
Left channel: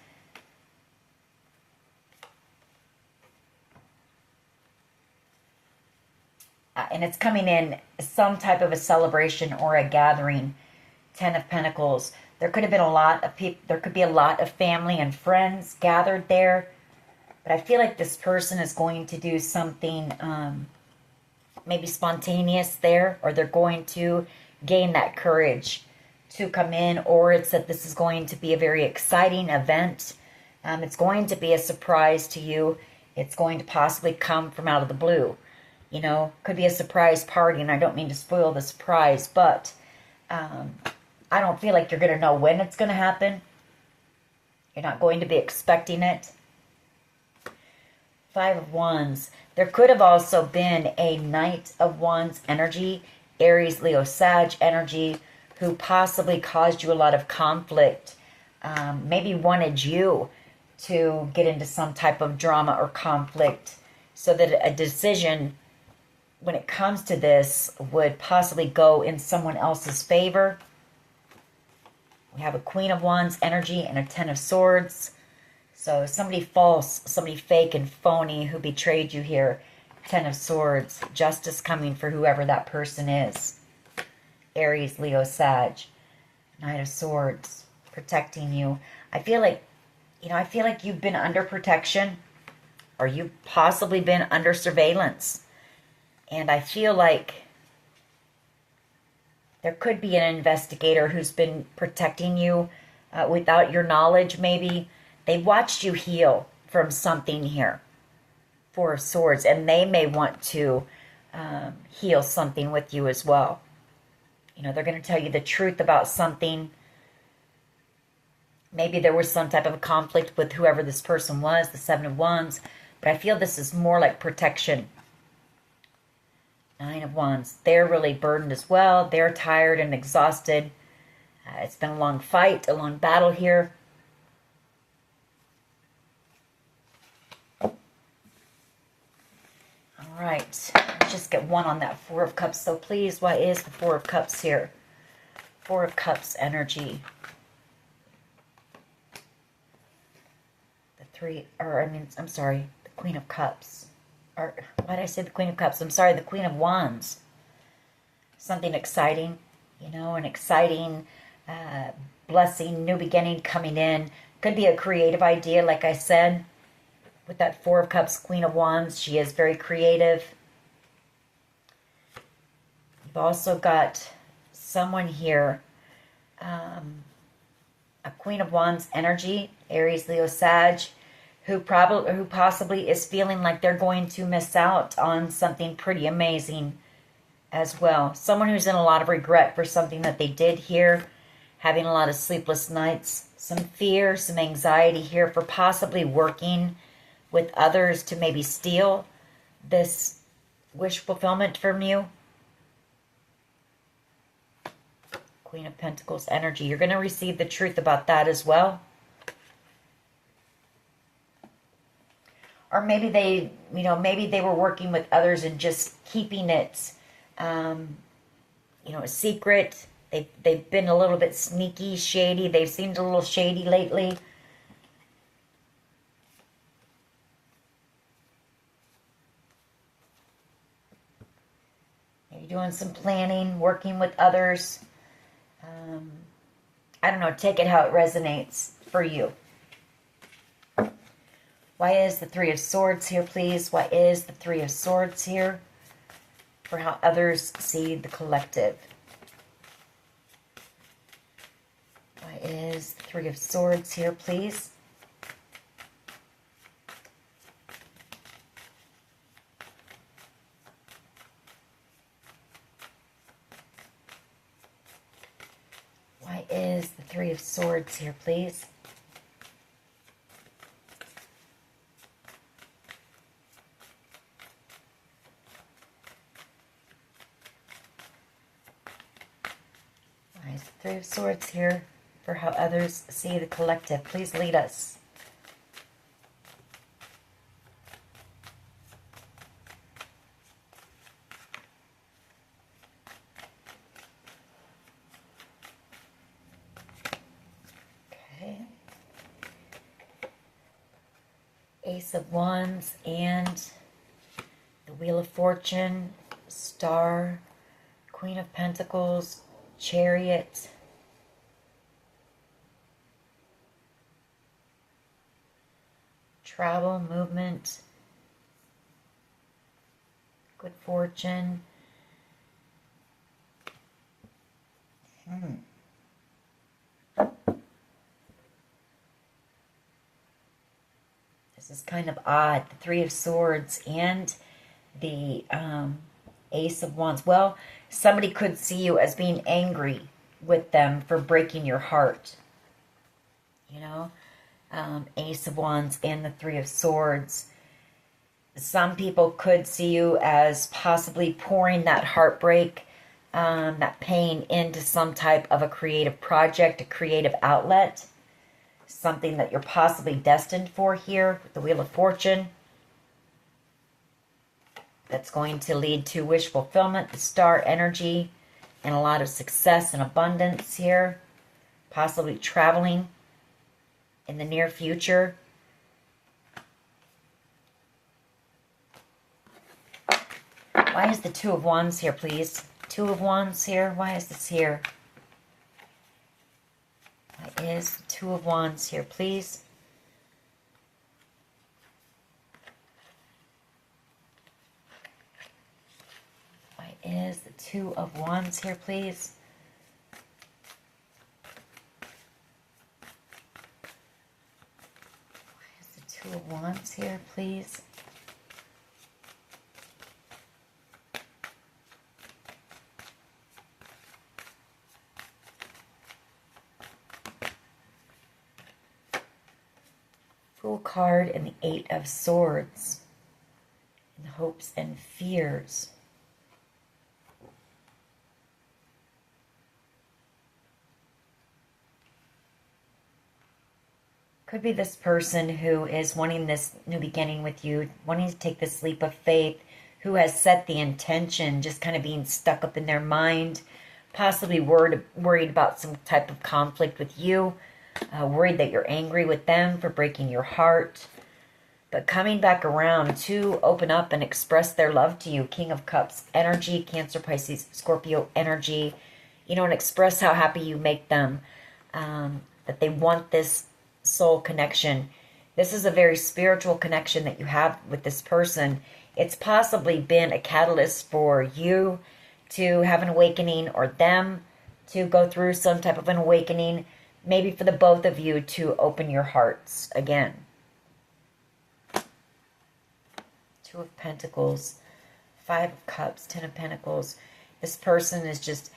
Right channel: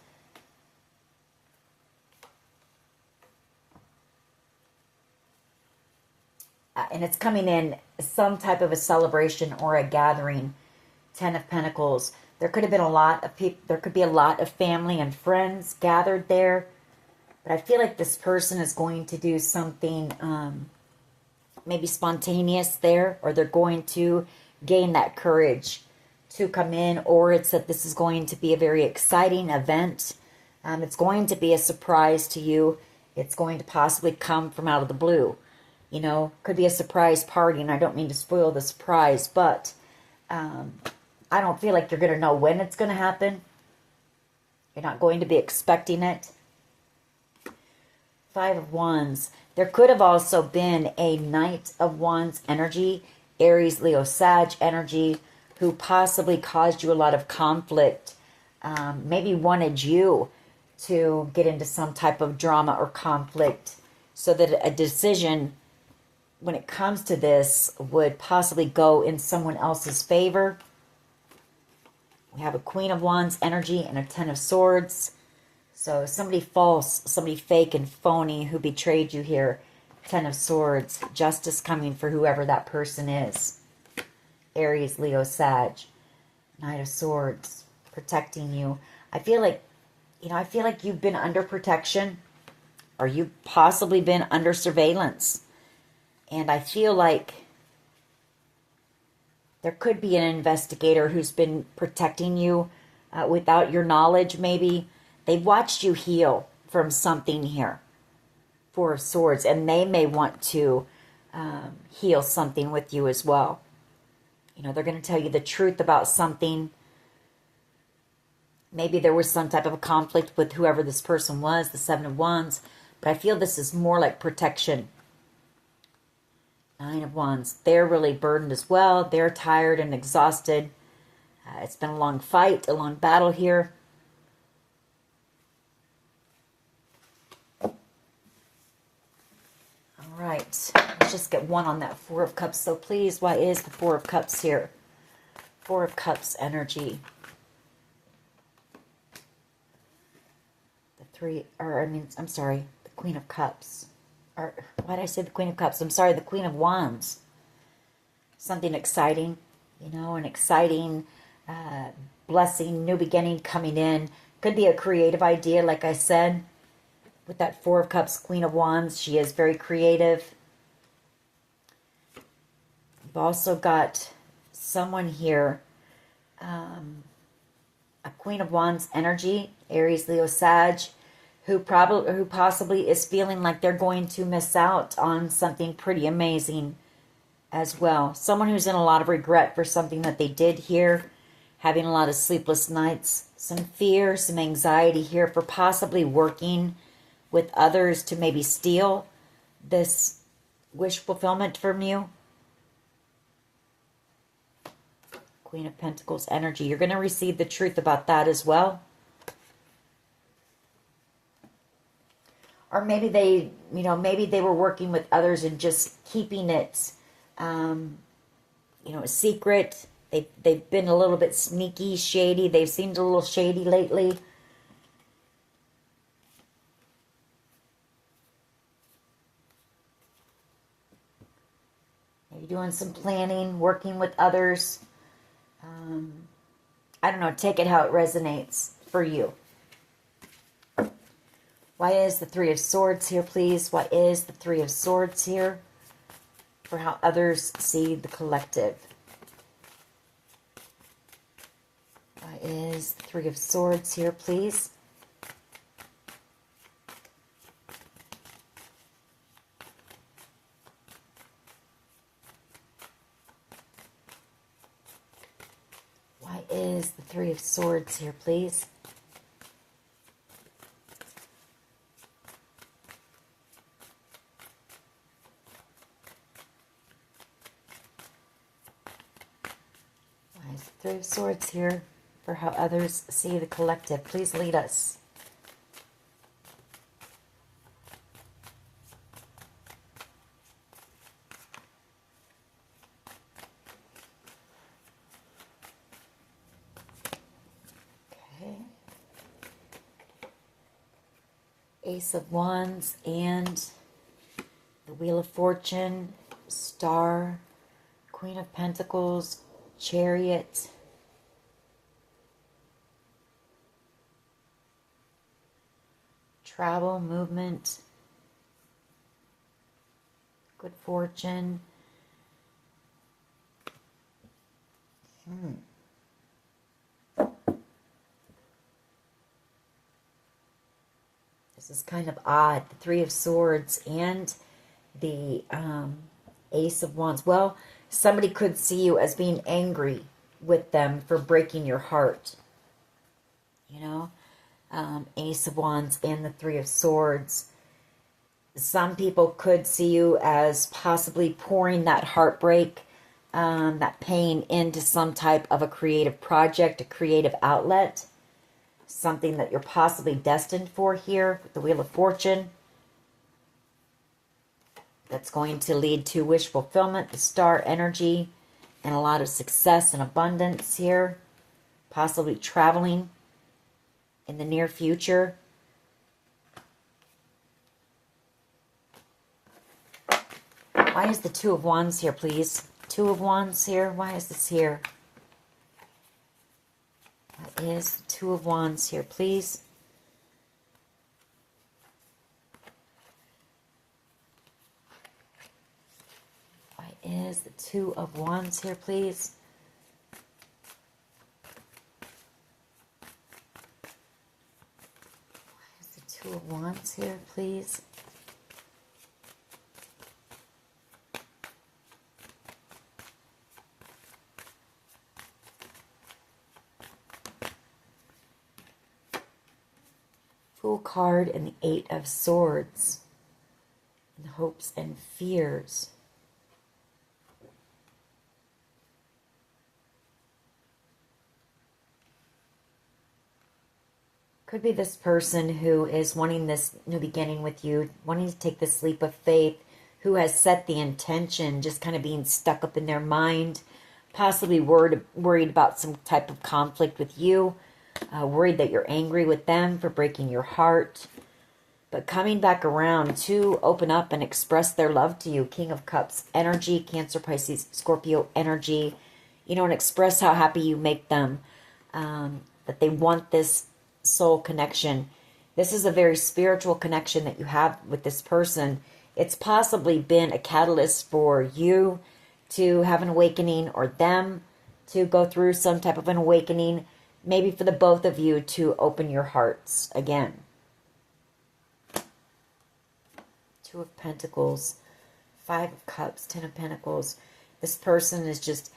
And it's coming in some type of a celebration or a gathering. Ten of Pentacles. There could have been a lot of people. There could be a lot of family and friends gathered there. But I feel like this person is going to do something maybe spontaneous there. Or they're going to gain that courage to come in. Or it's that this is going to be a very exciting event. It's going to be a surprise to you. It's going to possibly come from out of the blue. You know, could be a surprise party. And I don't mean to spoil the surprise. But I don't feel like you're going to know when it's going to happen. You're not going to be expecting it. Five of Wands. There could have also been a Knight of Wands energy, Aries, Leo, Sag energy, who possibly caused you a lot of conflict. Maybe wanted you to get into some type of drama or conflict so that a decision, when it comes to this, would possibly go in someone else's favor. We have a Queen of Wands energy and a Ten of Swords. So somebody false, somebody fake and phony who betrayed you here. Ten of Swords. Justice coming for whoever that person is. Aries, Leo, Sag. Knight of Swords. Protecting you. I feel like, you know, I feel like you've been under protection. Or you've possibly been under surveillance. And I feel like there could be an investigator who's been protecting you without your knowledge, maybe. They've watched you heal from something here. Four of Swords. And they may want to heal something with you as well. You know, they're going to tell you the truth about something. Maybe there was some type of a conflict with whoever this person was, the Seven of Wands. But I feel this is more like protection. Nine of Wands. They're really burdened as well. They're tired and exhausted. It's been a long fight, a long battle here. All right, let's just get one on that Four of Cups. So please, why is the Four of Cups here? Four of Cups energy. I'm sorry, the Queen of Cups. Or, why did I say the Queen of Cups? I'm sorry, the Queen of Wands. Something exciting, you know, an exciting blessing, new beginning coming in. Could be a creative idea, like I said. With that Four of Cups, Queen of Wands, she is very creative. You've also got someone here, a Queen of Wands energy, Aries, Leo, Sag, who possibly is feeling like they're going to miss out on something pretty amazing as well. Someone who's in a lot of regret for something that they did here, having a lot of sleepless nights, some fear, some anxiety here for possibly working with others to maybe steal this wish fulfillment from you. Queen of Pentacles energy. You're going to receive the truth about that as well. Or maybe maybe they were working with others and just keeping it, a secret. They've been a little bit sneaky, shady. They've seemed a little shady lately. Maybe doing some planning, working with others. I don't know, take it how it resonates for you. Why is the Three of Swords here, please? Why is the Three of Swords here? For how others see the collective. Why is the Three of Swords here, please? Why is the Three of Swords here, please? Why is the Three of Swords here for how others see the collective? Please lead us. Ace of Wands and the Wheel of Fortune, Star, Queen of Pentacles, Chariot, travel, movement, good fortune. This is kind of odd. The Three of Swords and the Ace of Wands. Well, somebody could see you as being angry with them for breaking your heart. You know? Ace of Wands and the Three of Swords. Some people could see you as possibly pouring that heartbreak, that pain into some type of a creative project, a creative outlet. Something that you're possibly destined for here with the Wheel of Fortune. That's going to lead to wish fulfillment, the Star energy, and a lot of success and abundance here. Possibly traveling in the near future. Why is the Two of Wands here, please? Two of Wands here. Why is this here? Why is the Two of Wands here, please? Why is the Two of Wands here, please? Why is the Two of Wands here, please? Fool card and the Eight of Swords. And hopes and fears. Could be this person who is wanting this new beginning with you, wanting to take this leap of faith, who has set the intention, just kind of being stuck up in their mind, possibly worried about some type of conflict with you, worried that you're angry with them for breaking your heart, but coming back around to open up and express their love to you. King of Cups energy, Cancer, Pisces, Scorpio energy, you know, and express how happy you make them, that they want this soul connection. This is a very spiritual connection that you have with this person. It's possibly been a catalyst for you to have an awakening, or them to go through some type of an awakening, maybe for the both of you to open your hearts again. Two of Pentacles, Five of Cups, Ten of Pentacles. This person is just,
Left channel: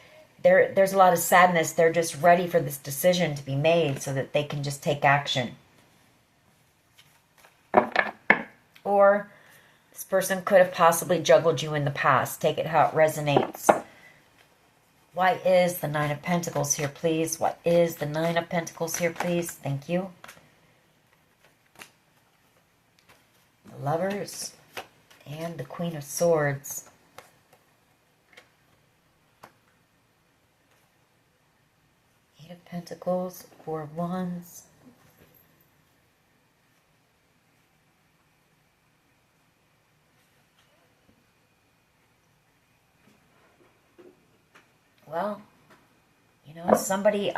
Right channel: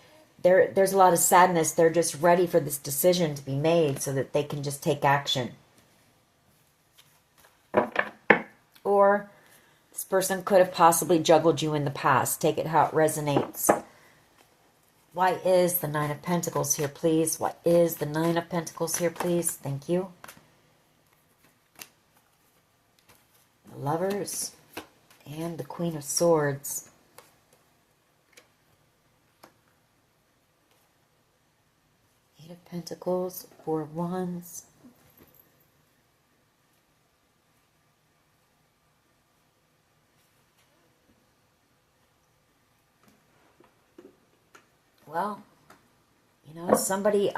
there's a lot of sadness. They're just ready for this decision to be made so that they can just take action. Or this person could have possibly juggled you in the past. Take it how it resonates. Why is the Nine of Pentacles here, please? What is the Nine of Pentacles here, please? Thank you. Lovers and the Queen of Swords. Eight of Pentacles, Four of Wands. Well, you know, somebody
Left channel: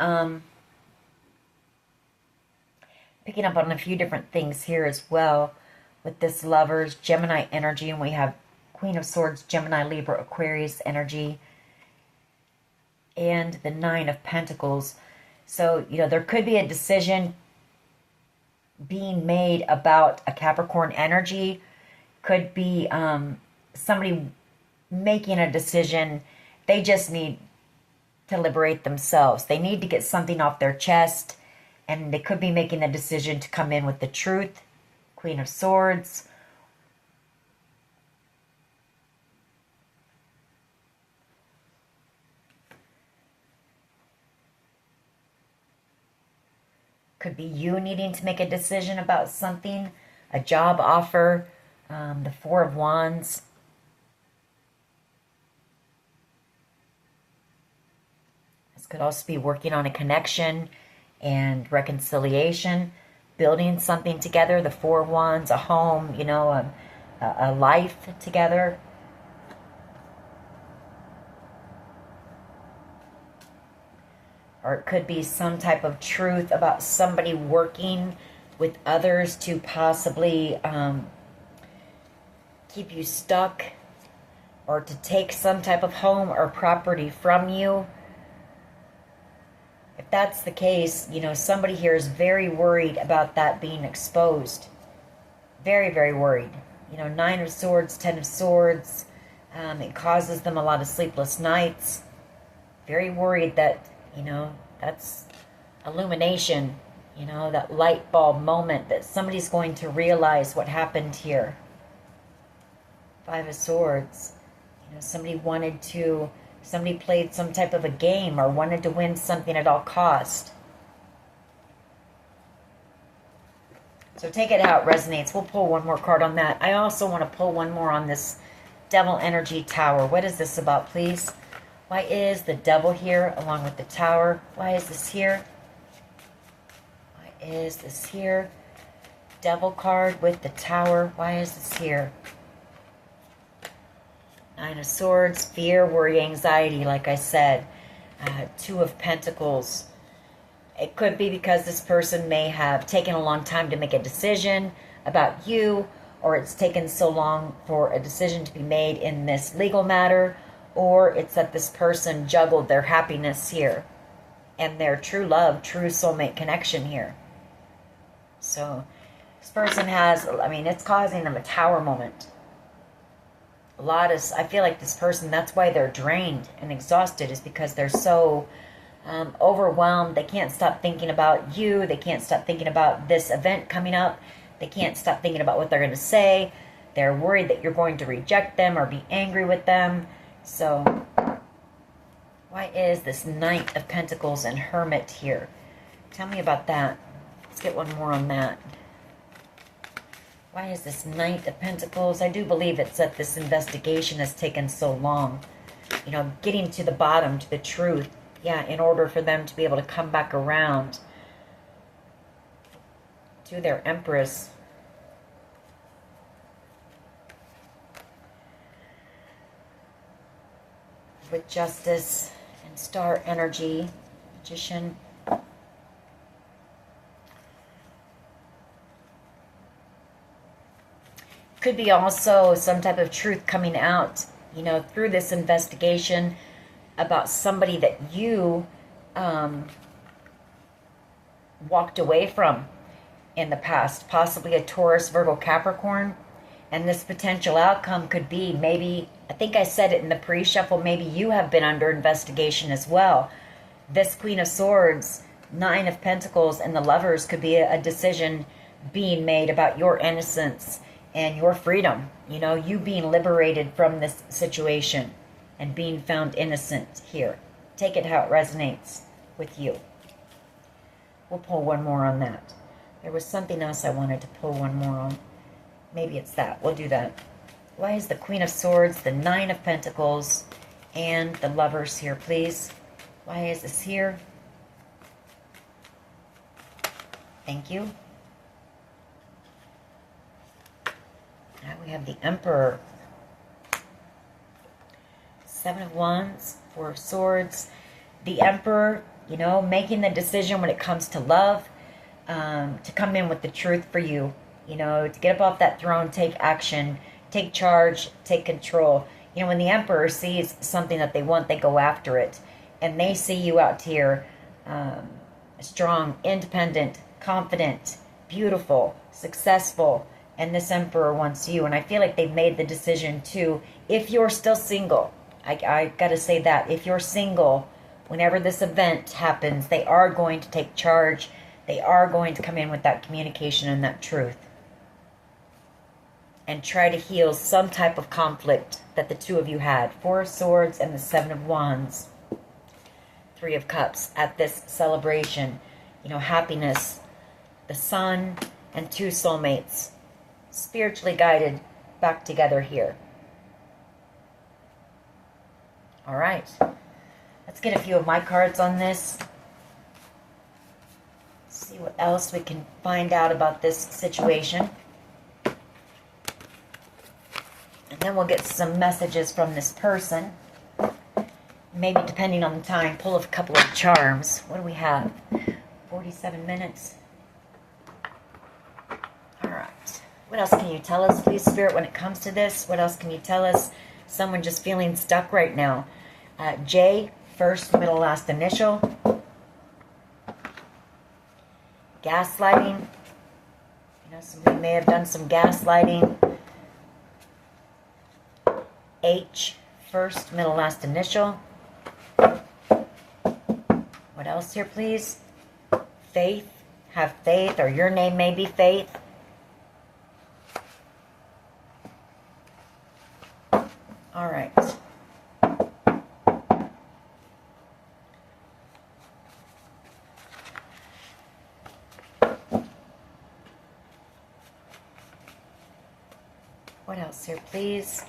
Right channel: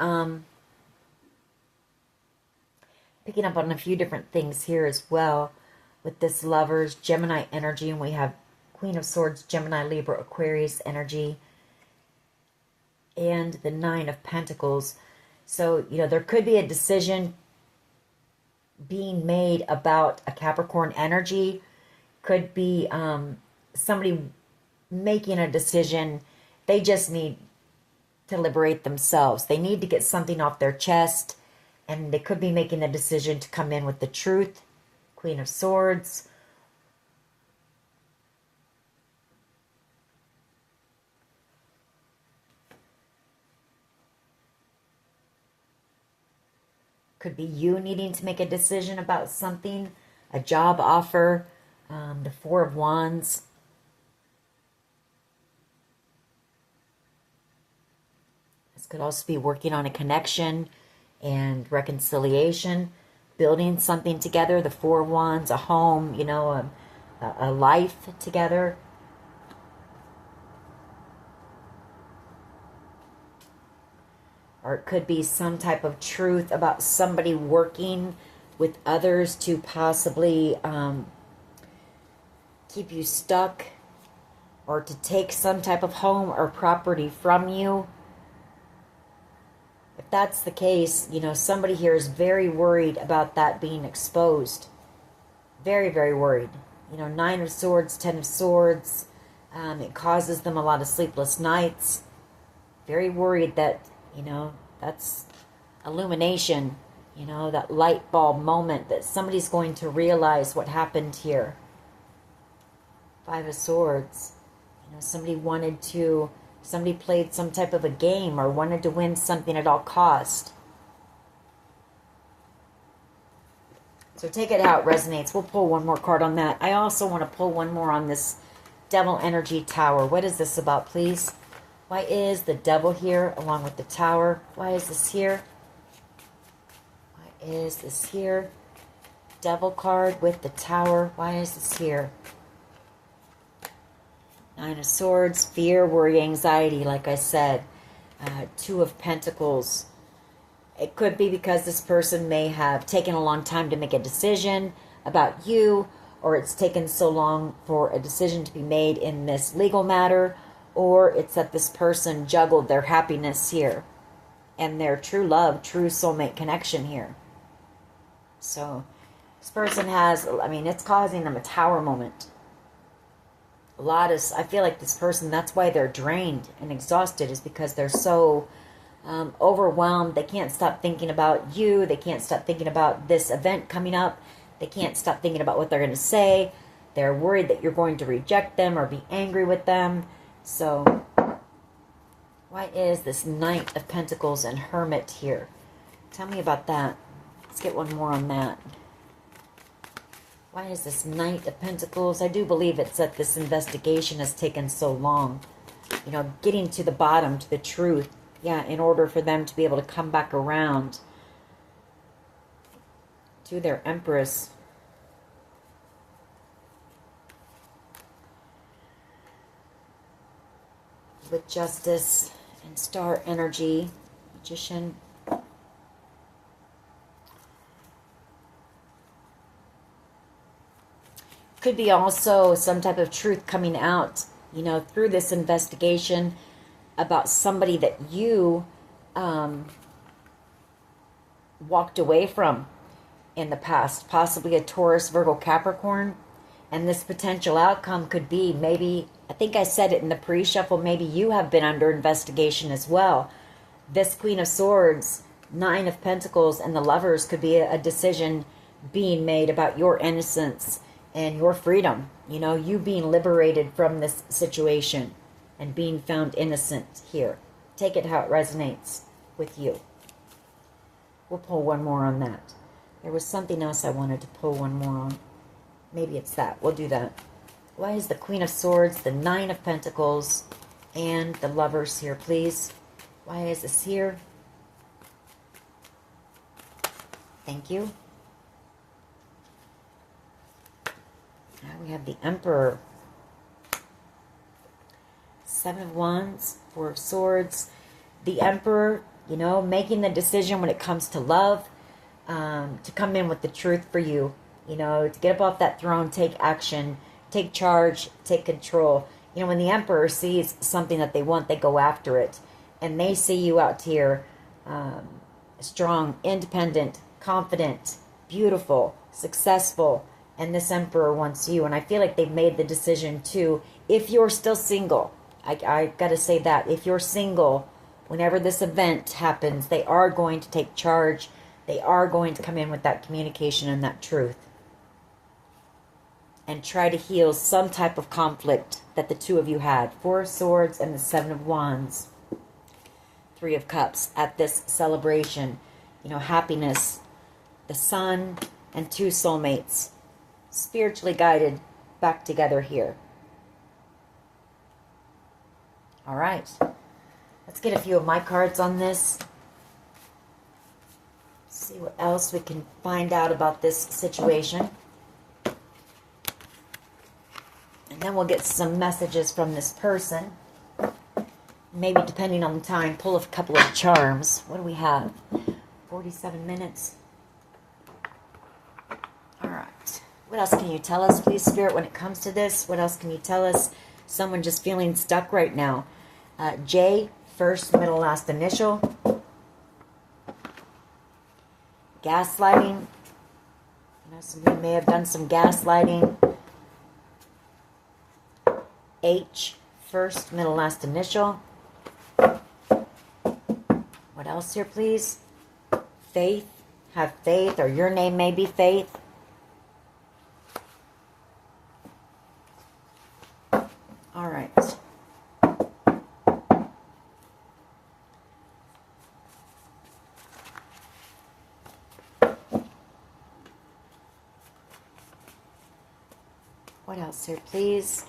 picking up on a few different things here as well with this Lovers, Gemini energy, and we have Queen of Swords, Gemini, Libra, Aquarius energy, and the Nine of Pentacles. So, you know, there could be a decision being made about a Capricorn energy. Could be somebody making a decision. They just need to liberate themselves. They need to get something off their chest, and they could be making a decision to come in with the truth. Queen of Swords. Could be you needing to make a decision about something, a job offer. The Four of Wands. Could also be working on a connection and reconciliation, building something together. The Four of Wands, a home, you know, a life together. Or it could be some type of truth about somebody working with others to possibly keep you stuck, or to take some type of home or property from you. If that's the case, you know, somebody here is very worried about that being exposed. Very, very worried. You know, Nine of Swords, Ten of Swords. It causes them a lot of sleepless nights. Very worried that, you know, that's illumination. You know, that light bulb moment that somebody's going to realize what happened here. Five of Swords. You know, somebody played some type of a game or wanted to win something at all cost. So take it how it resonates. We'll pull one more card on that. I also want to pull one more on this Devil Energy Tower. What is this about, please? Why is the Devil here along with the Tower? Why is this here? Why is this here? Devil card with the Tower. Why is this here? Nine of Swords, fear, worry, anxiety, like I said. Two of Pentacles. It could be because this person may have taken a long time to make a decision about you, or it's taken so long for a decision to be made in this legal matter, or it's that this person juggled their happiness here and their true love, true soulmate connection here. So this person has, I mean, it's causing them a Tower moment. I feel like this person, that's why they're drained and exhausted, is because they're so overwhelmed. They can't stop thinking about you. They can't stop thinking about this event coming up. They can't stop thinking about what they're going to say. They're worried that you're going to reject them or be angry with them. So why is this Knight of Pentacles and Hermit here? Tell me about that. Let's get one more on that. Why is this Knight of Pentacles? I do believe it's that this investigation has taken so long. You know, getting to the bottom, to the truth. Yeah, in order for them to be able to come back around to their Empress. With Justice and Star Energy, Magician. Could be also some type of truth coming out, you know, through this investigation about somebody that you walked away from in the past. Possibly a Taurus, Virgo, Capricorn. And this potential outcome could be maybe, I think I said it in the pre-shuffle, maybe you have been under investigation as well. This Queen of Swords, Nine of Pentacles, and the Lovers could be a decision being made about your innocence and your freedom, you know, you being liberated from this situation and being found innocent here. Take it how it resonates with you. We'll pull one more on that. There was something else I wanted to pull one more on. Maybe it's that. We'll do that. Why is the Queen of Swords, the Nine of Pentacles, and the Lovers here, please? Why is this here? Thank you. Now we have the Emperor. Seven of Wands, Four of Swords. The Emperor, you know, making the decision when it comes to love, to come in with the truth for you. You know, to get up off that throne, take action, take charge, take control. You know, when the Emperor sees something that they want, they go after it. And they see you out here strong, independent, confident, beautiful, successful. And this Emperor wants you. And I feel like they've made the decision too. If you're still single, I got to say that. If you're single, whenever this event happens, they are going to take charge. They are going to come in with that communication and that truth. And try to heal some type of conflict that the two of you had. Four of Swords and the Seven of Wands. Three of Cups at this celebration. You know, happiness. The Sun and two soulmates. Spiritually guided back together here. All right. Let's get a few of my cards on this. See what else we can find out about this situation. And then we'll get some messages from this person. Maybe depending on the time, pull a couple of charms. What do we have? 47 minutes. All right. What else can you tell us, please, Spirit, when it comes to this? What else can you tell us? Someone just feeling stuck right now. J, first, middle, last initial. Gaslighting. You know, somebody may have done some gaslighting. H, first, middle, last initial. What else here, please? Faith. Have faith, or your name may be Faith. All right. What else here, please?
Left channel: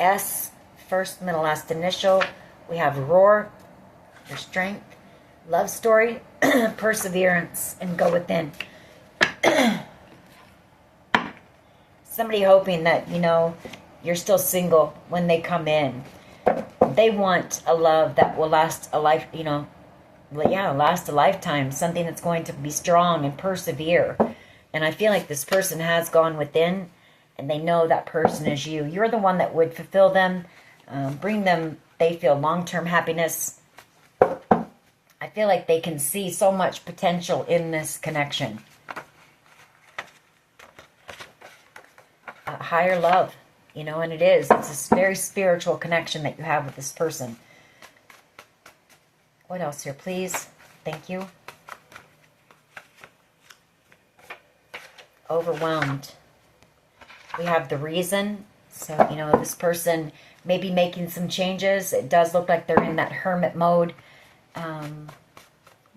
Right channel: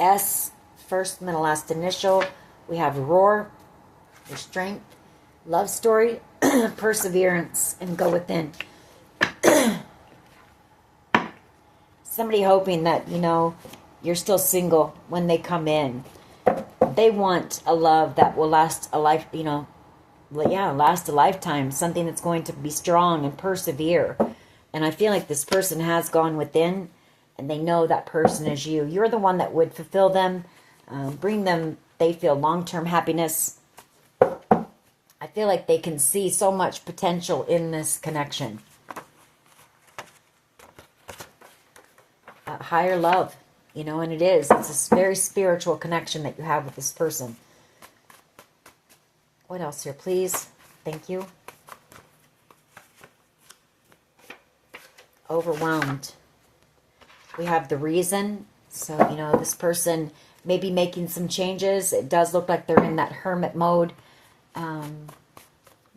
S, first, middle, last initial. We have Roar, your strength, love story, perseverance, and go within. Somebody hoping that, you know, you're still single when they come in. They want a love that will last a life, you know, last a lifetime. Something that's going to be strong and persevere. And I feel like this person has gone within, and they know that person is you. You're the one that would fulfill them, bring them, they feel, long-term happiness. I feel like they can see so much potential in this connection. A higher love, you know, and it is. It's a very spiritual connection that you have with this person. What else here, please? Thank you. Overwhelmed. We have the Reason. So, you know, this person may be making some changes. It does look like they're in that hermit mode.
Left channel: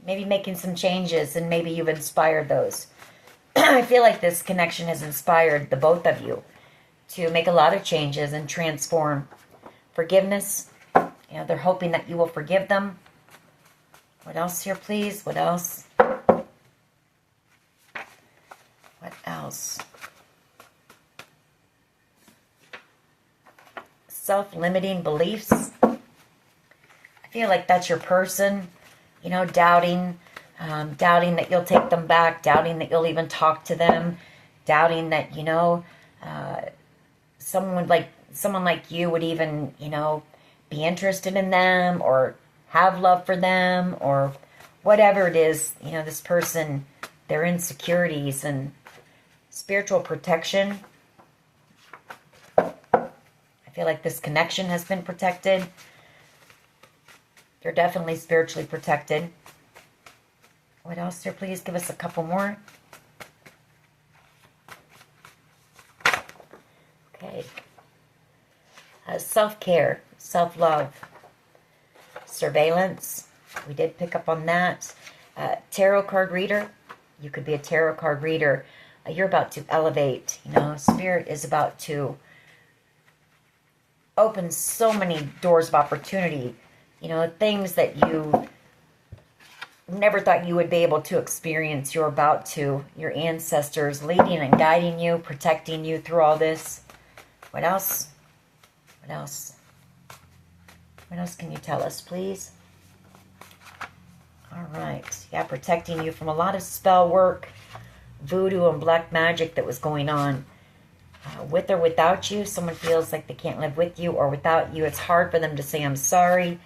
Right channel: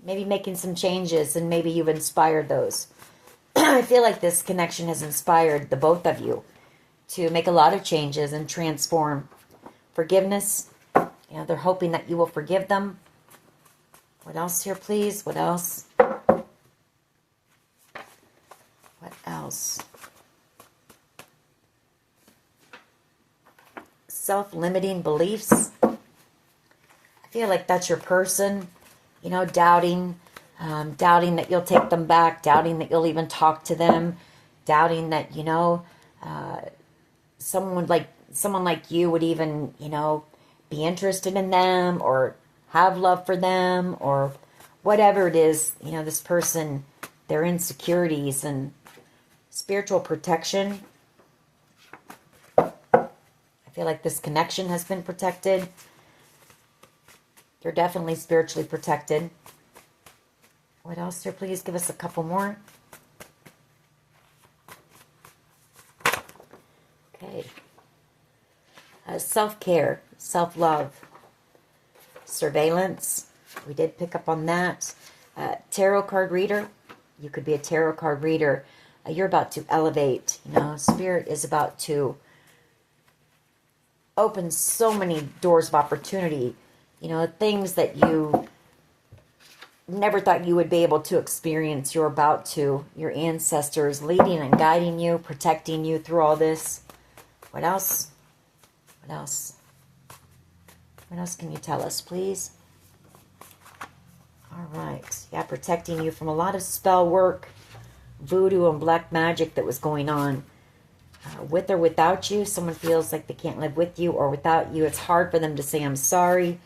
maybe making some changes, and maybe you've inspired those. I feel like this connection has inspired the both of you to make a lot of changes and transform. Forgiveness, you know, they're hoping that you will forgive them. What else here, please? What else? What else? Self-limiting beliefs. I feel like that's your person, you know, doubting that you'll take them back, doubting that you'll even talk to them, doubting that, you know, someone like you would even, you know, be interested in them or have love for them or whatever it is. You know, this person, their insecurities and spiritual protection. I feel like this connection has been protected. They're definitely spiritually protected. What else here? Please give us a couple more. Okay. Self-care, self-love, surveillance. We did pick up on that. Tarot card reader. You could be a tarot card reader. You're about to elevate. You know, Spirit is about to open so many doors of opportunity. You know, things that you never thought you would be able to experience. You're about to. Your ancestors leading and guiding you, protecting you through all this. What else? What else? What else can you tell us, please? All right. Yeah, protecting you from a lot of spell work, voodoo and black magic that was going on. With or without you, someone feels like they can't live with you or without you. It's hard for them to say, I'm sorry.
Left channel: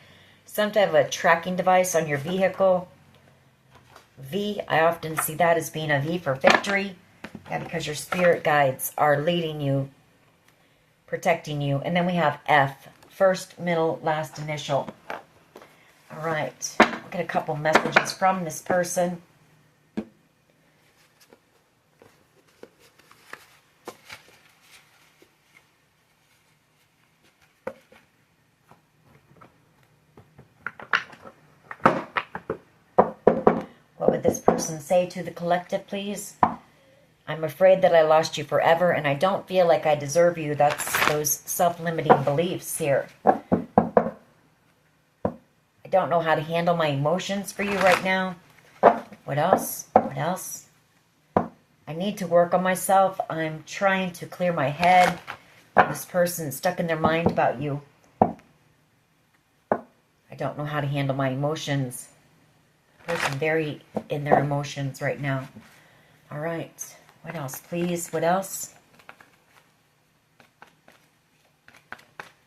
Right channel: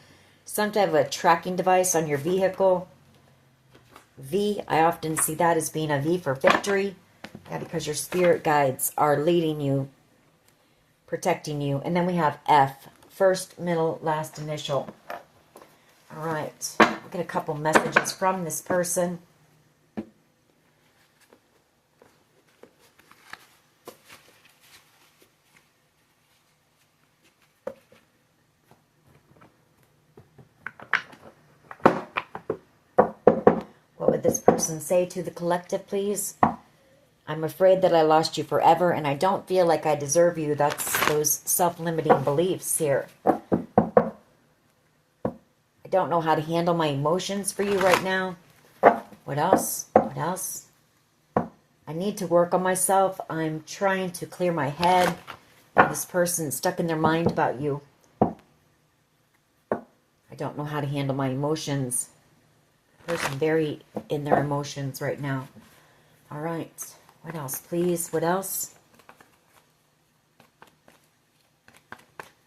Some type of a tracking device on your vehicle. V, I often see that as being a V for victory. Yeah, because your spirit guides are leading you, protecting you. And then we have F, first, middle, last initial. All right. I'll get a couple messages from this person. What would this person say to the collective, please? I'm afraid that I lost you forever, and I don't feel like I deserve you. That's those self-limiting beliefs here. I don't know how to handle my emotions for you right now. What else? What else? I need to work on myself. I'm trying to clear my head. This person stuck in their mind about you. I don't know how to handle my emotions. Person very in their emotions right now. All right. What else, please? What else?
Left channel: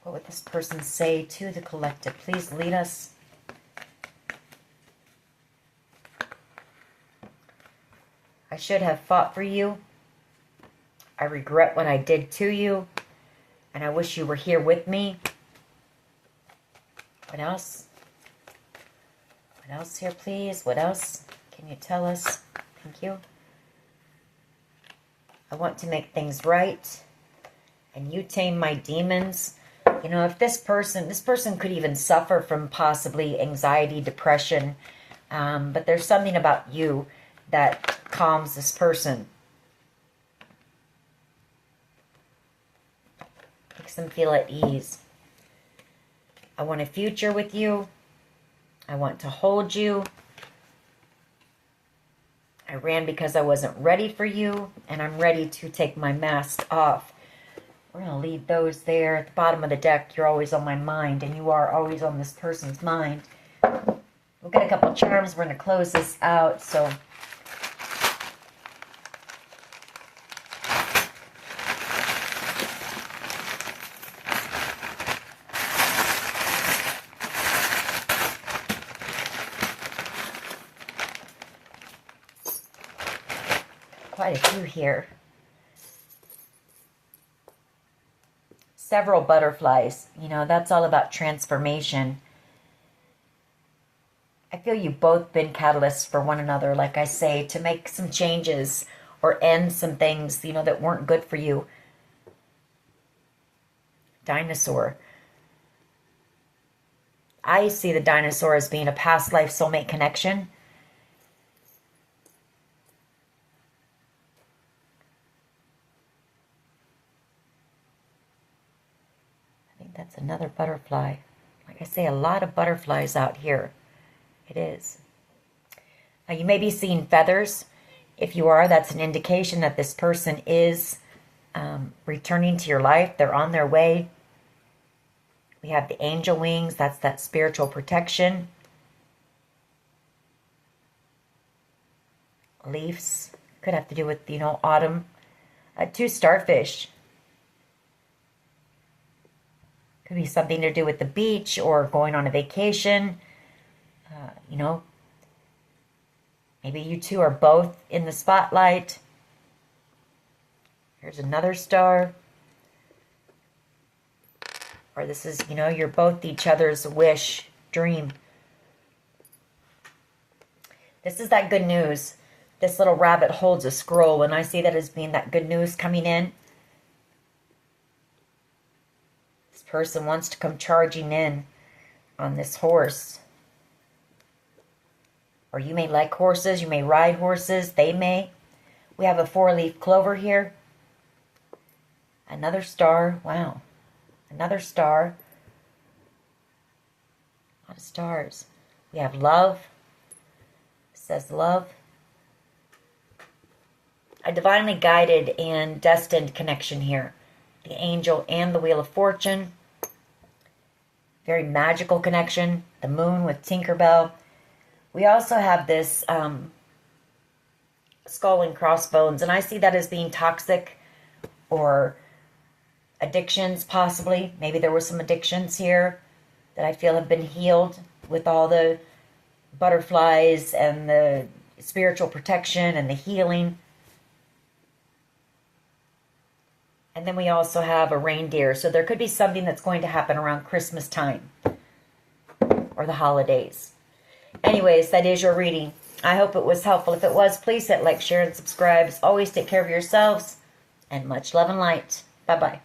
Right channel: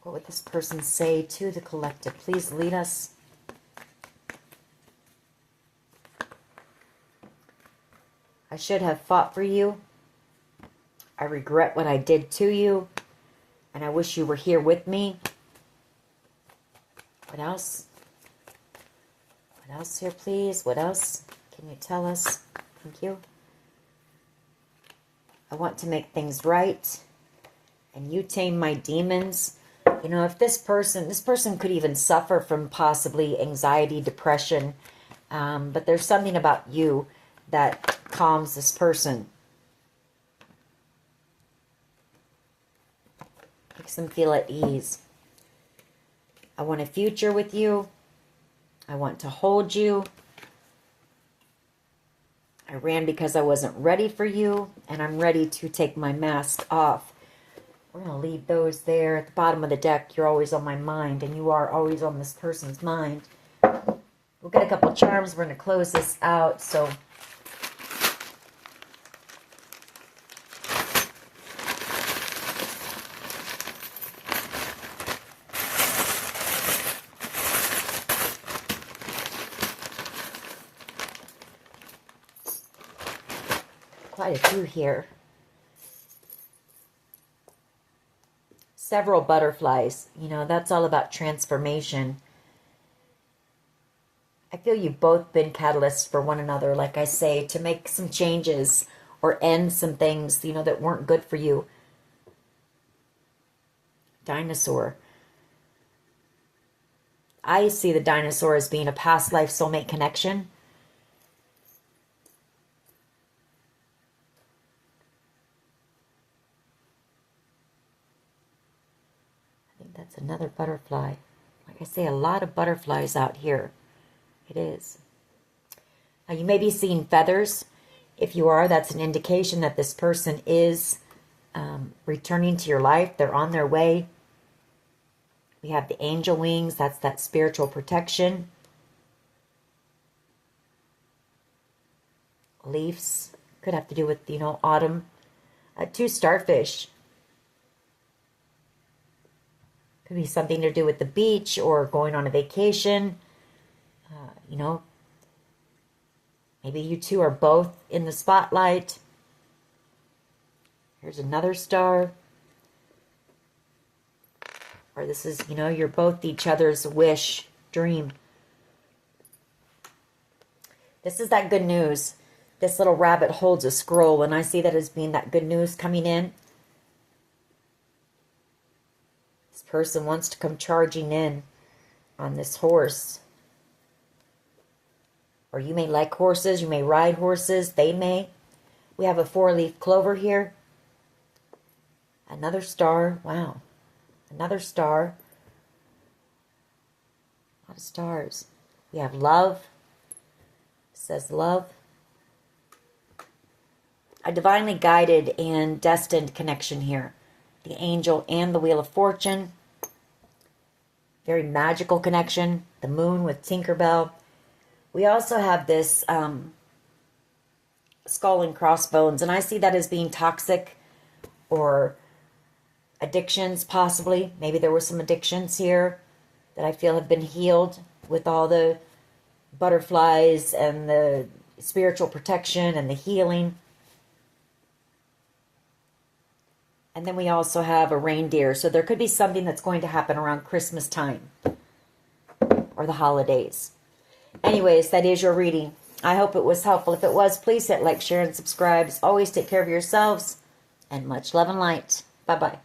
What would this person say to the collective? Please lead us. I should have fought for you. I regret what I did to you. And I wish you were here with me. What else? What else here, please? What else? Can you tell us? Thank you. I want to make things right. And you tame my demons. You know, if this person could even suffer from possibly anxiety, depression. But there's something about you that calms this person. Makes them feel at ease. I want a future with you. I want to hold you. I ran because I wasn't ready for you, and I'm ready to take my mask off. We're going to leave those there at the bottom of the deck. You're always on my mind, and you are always on this person's mind. We'll get a couple charms. We're going to close this out. So quite a few here. Several butterflies. You know, that's all about transformation. I feel you've both been catalysts for one another, like I say, to make some changes or end some things, you know, that weren't good for you. Dinosaur. I see the dinosaur as being a past life soulmate connection. That's another butterfly. Like I say, a lot of butterflies out here. It is. Now, you may be seeing feathers. If you are, that's an indication that this person is returning to your life. They're on their way. We have the angel wings. That's that spiritual protection. Leaves. Could have to do with, autumn. 2 starfish. Could be something to do with the beach or going on a vacation. Maybe you two are both in the spotlight. Here's another star. Or this is, you're both each other's wish, dream. This is that good news. This little rabbit holds a scroll, and I see that as being that good news coming in. This person wants to come charging in on this horse. Or you may like horses. You may ride horses. They may. We have a 4-leaf clover here. Another star. Wow. Another star. A lot of stars. We have love. It says love. A divinely guided and destined connection here. The angel and the Wheel of Fortune. Very magical connection. The moon with Tinkerbell. We also have this skull and crossbones, and I see that as being toxic or addictions, possibly. Maybe there were some addictions here that I feel have been healed with all the butterflies and the spiritual protection and the healing. And then we also have a reindeer, so there could be something that's going to happen around Christmas time or the holidays. Anyways, that is your reading. I hope it was helpful. If it was, please hit like, share, and subscribe. Always take care of yourselves, and much love and light. Bye-bye.